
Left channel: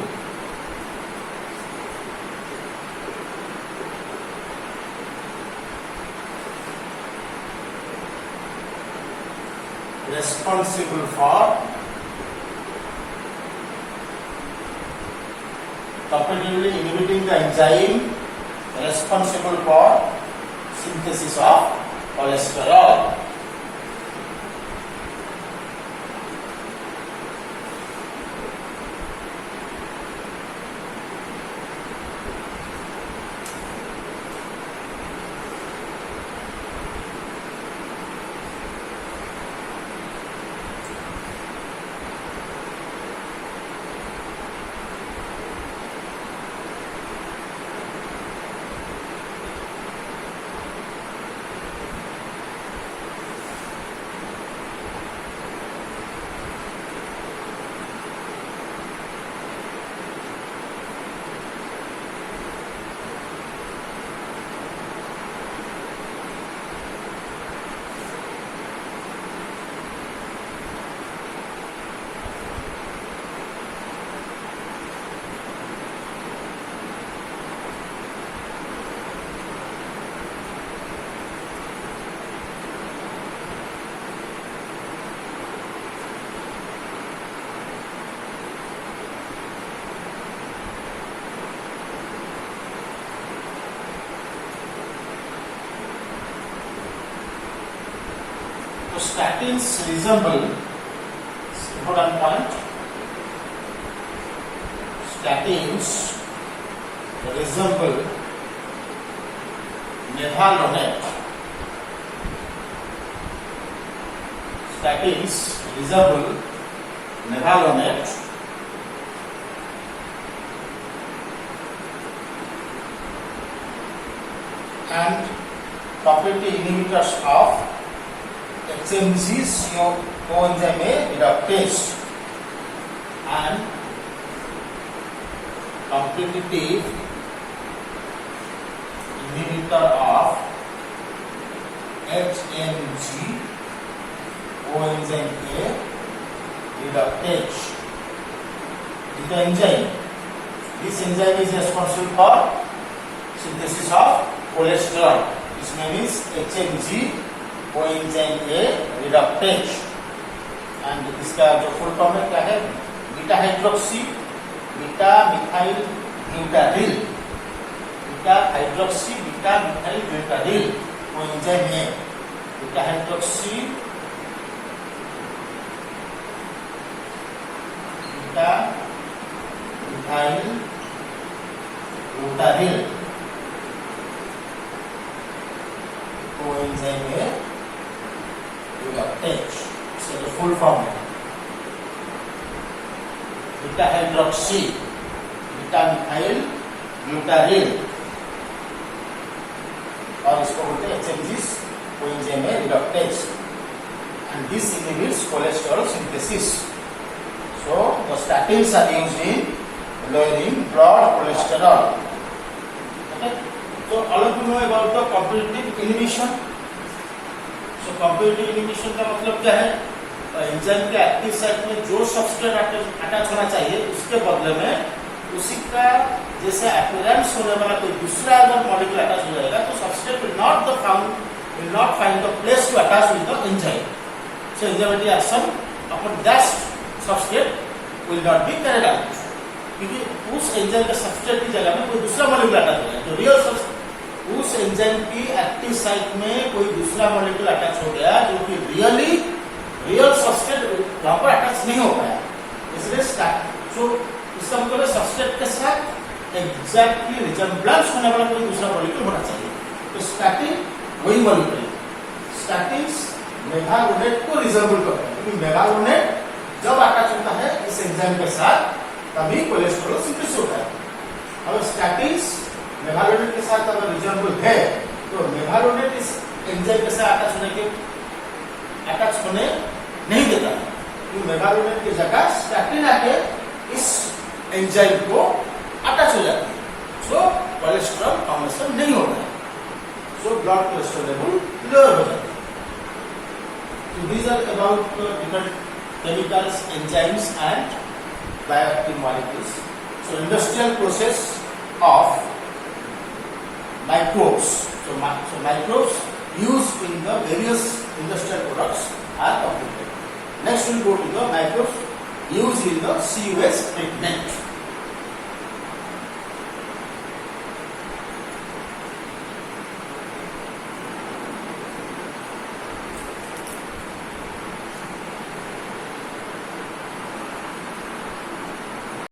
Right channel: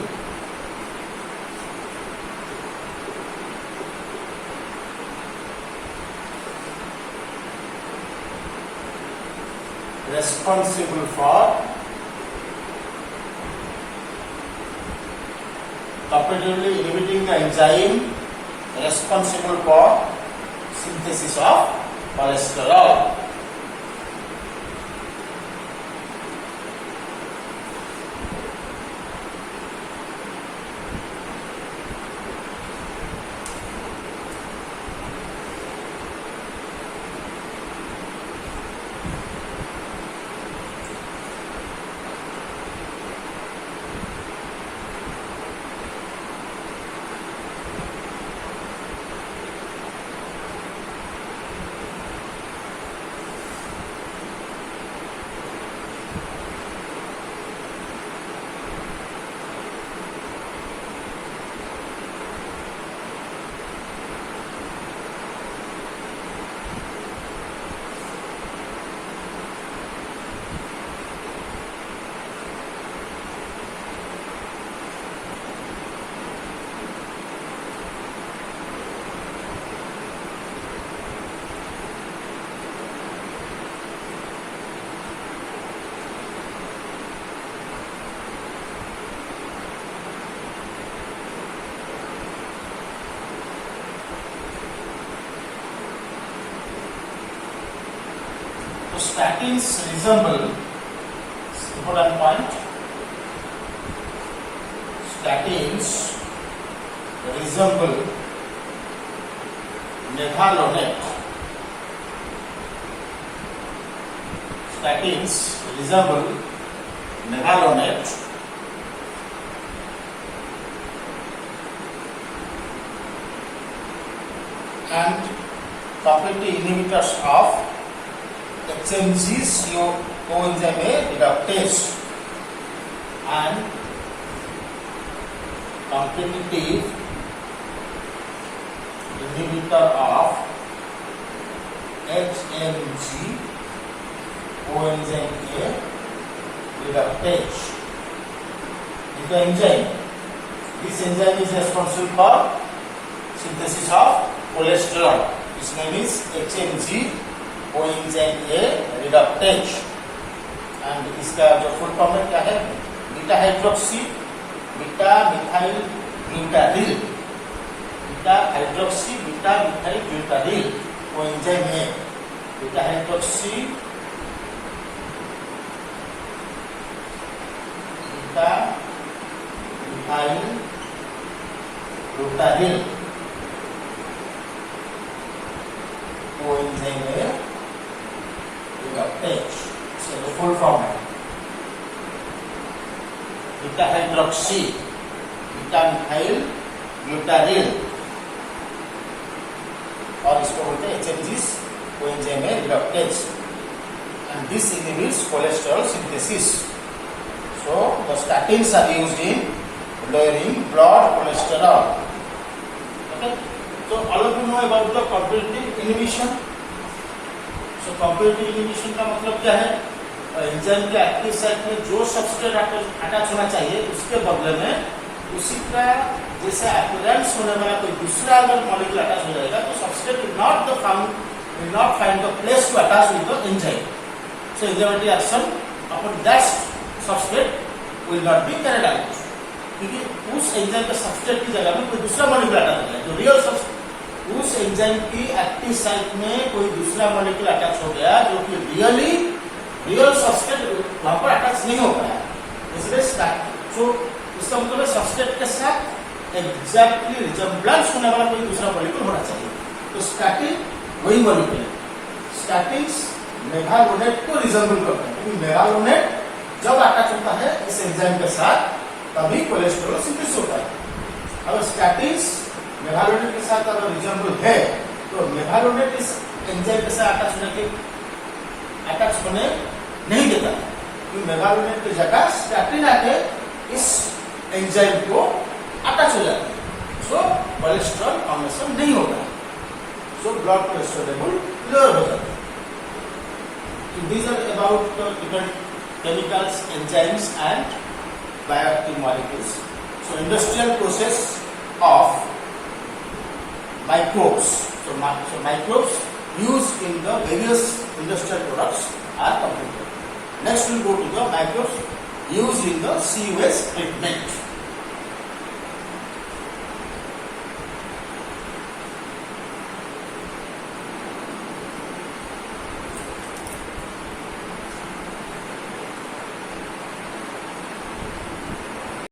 responsible for competitively inhibiting the enzyme responsible for synthesis of cholesterol. So statins resemble, important point, statins resemble mevalonate. Statins resemble mevalonate and competitive inhibitors of HMG's coenzyme reductase and competitive inhibitor of HMG coenzyme A reductase. Is the enzyme. This enzyme is responsible for synthesis of cholesterol. This name is HMG coenzyme A reductase. And इसका जो full form है क्या है? Beta hydroxy beta methyl glutaryl, beta hydroxy beta methyl glutaryl coenzyme है। Beta hydroxy beta methyl glutaryl coenzyme है reductase. So the full form है beta hydroxy beta methyl glutaryl और इसको बोलते हैं HMG coenzyme reductase, and this inhibits cholesterol synthesis. So the statins are used in lowering blood cholesterol. Okay, so all of you know about the competitive inhibition. So competitive inhibition का मतलब क्या है? Enzyme के active site में जो substrate attach होना चाहिए उसके बदले में उसी का जैसे अपीयरेंस होने वाला कोई दूसरा अगर मॉलिक्यूल अटैच हो जाएगा तो substrate will not find the place to attach with the enzyme. So enzymatic action upon that substrate will not be carried out, क्योंकि उस एंजाइम के सबस्ट्रेट की जगह में कोई दूसरा मॉलिक्यूल अटैच हो गया. तो रियल उस एंजाइम की एक्टिव साइट में कोई दूसरा मॉलिक्यूल अटैच हो गया जो कि रियल सबस्ट्रेट वहां पर अटैच नहीं हो पाया. इसलिए तो इसका मतलब है सबस्ट्रेट के साथ एग्जैक्टली रिजेम्बलेंस होने वाला कोई दूसरा मॉलिक्यूल होना चाहिए. तो स्टैटिन वही मॉलिक्यूल है. स्टैटिन्स मेवालोनेट को रिजेम्बल करते हैं, क्योंकि मेवालोनेट जब अटैच होता है इस एंजाइम के साथ तभी कोलेस्ट्रॉल सिंथेसिस होता है. अगर स्टैटिन्स मेवालोनेट के साथ अगर रिजेम्बल है तो मेवालोनेट इस एंजाइम के साथ अटैच होने के अटैच होने नहीं देता, क्योंकि मेगालोनिन की जगह स्टैटिन आके इस एंजाइम को अटैच हो जाता है, सो कोलेस्ट्रॉल फॉर्मेशन नहीं होता है, so blood cholesterol level lower हो जाता है. So these are about different chemicals, enzymes and bioactive molecules. So industrial process of microbes. So microbes used in the various industrial products are completed. Next we go to the microbes used in the CUS treatment.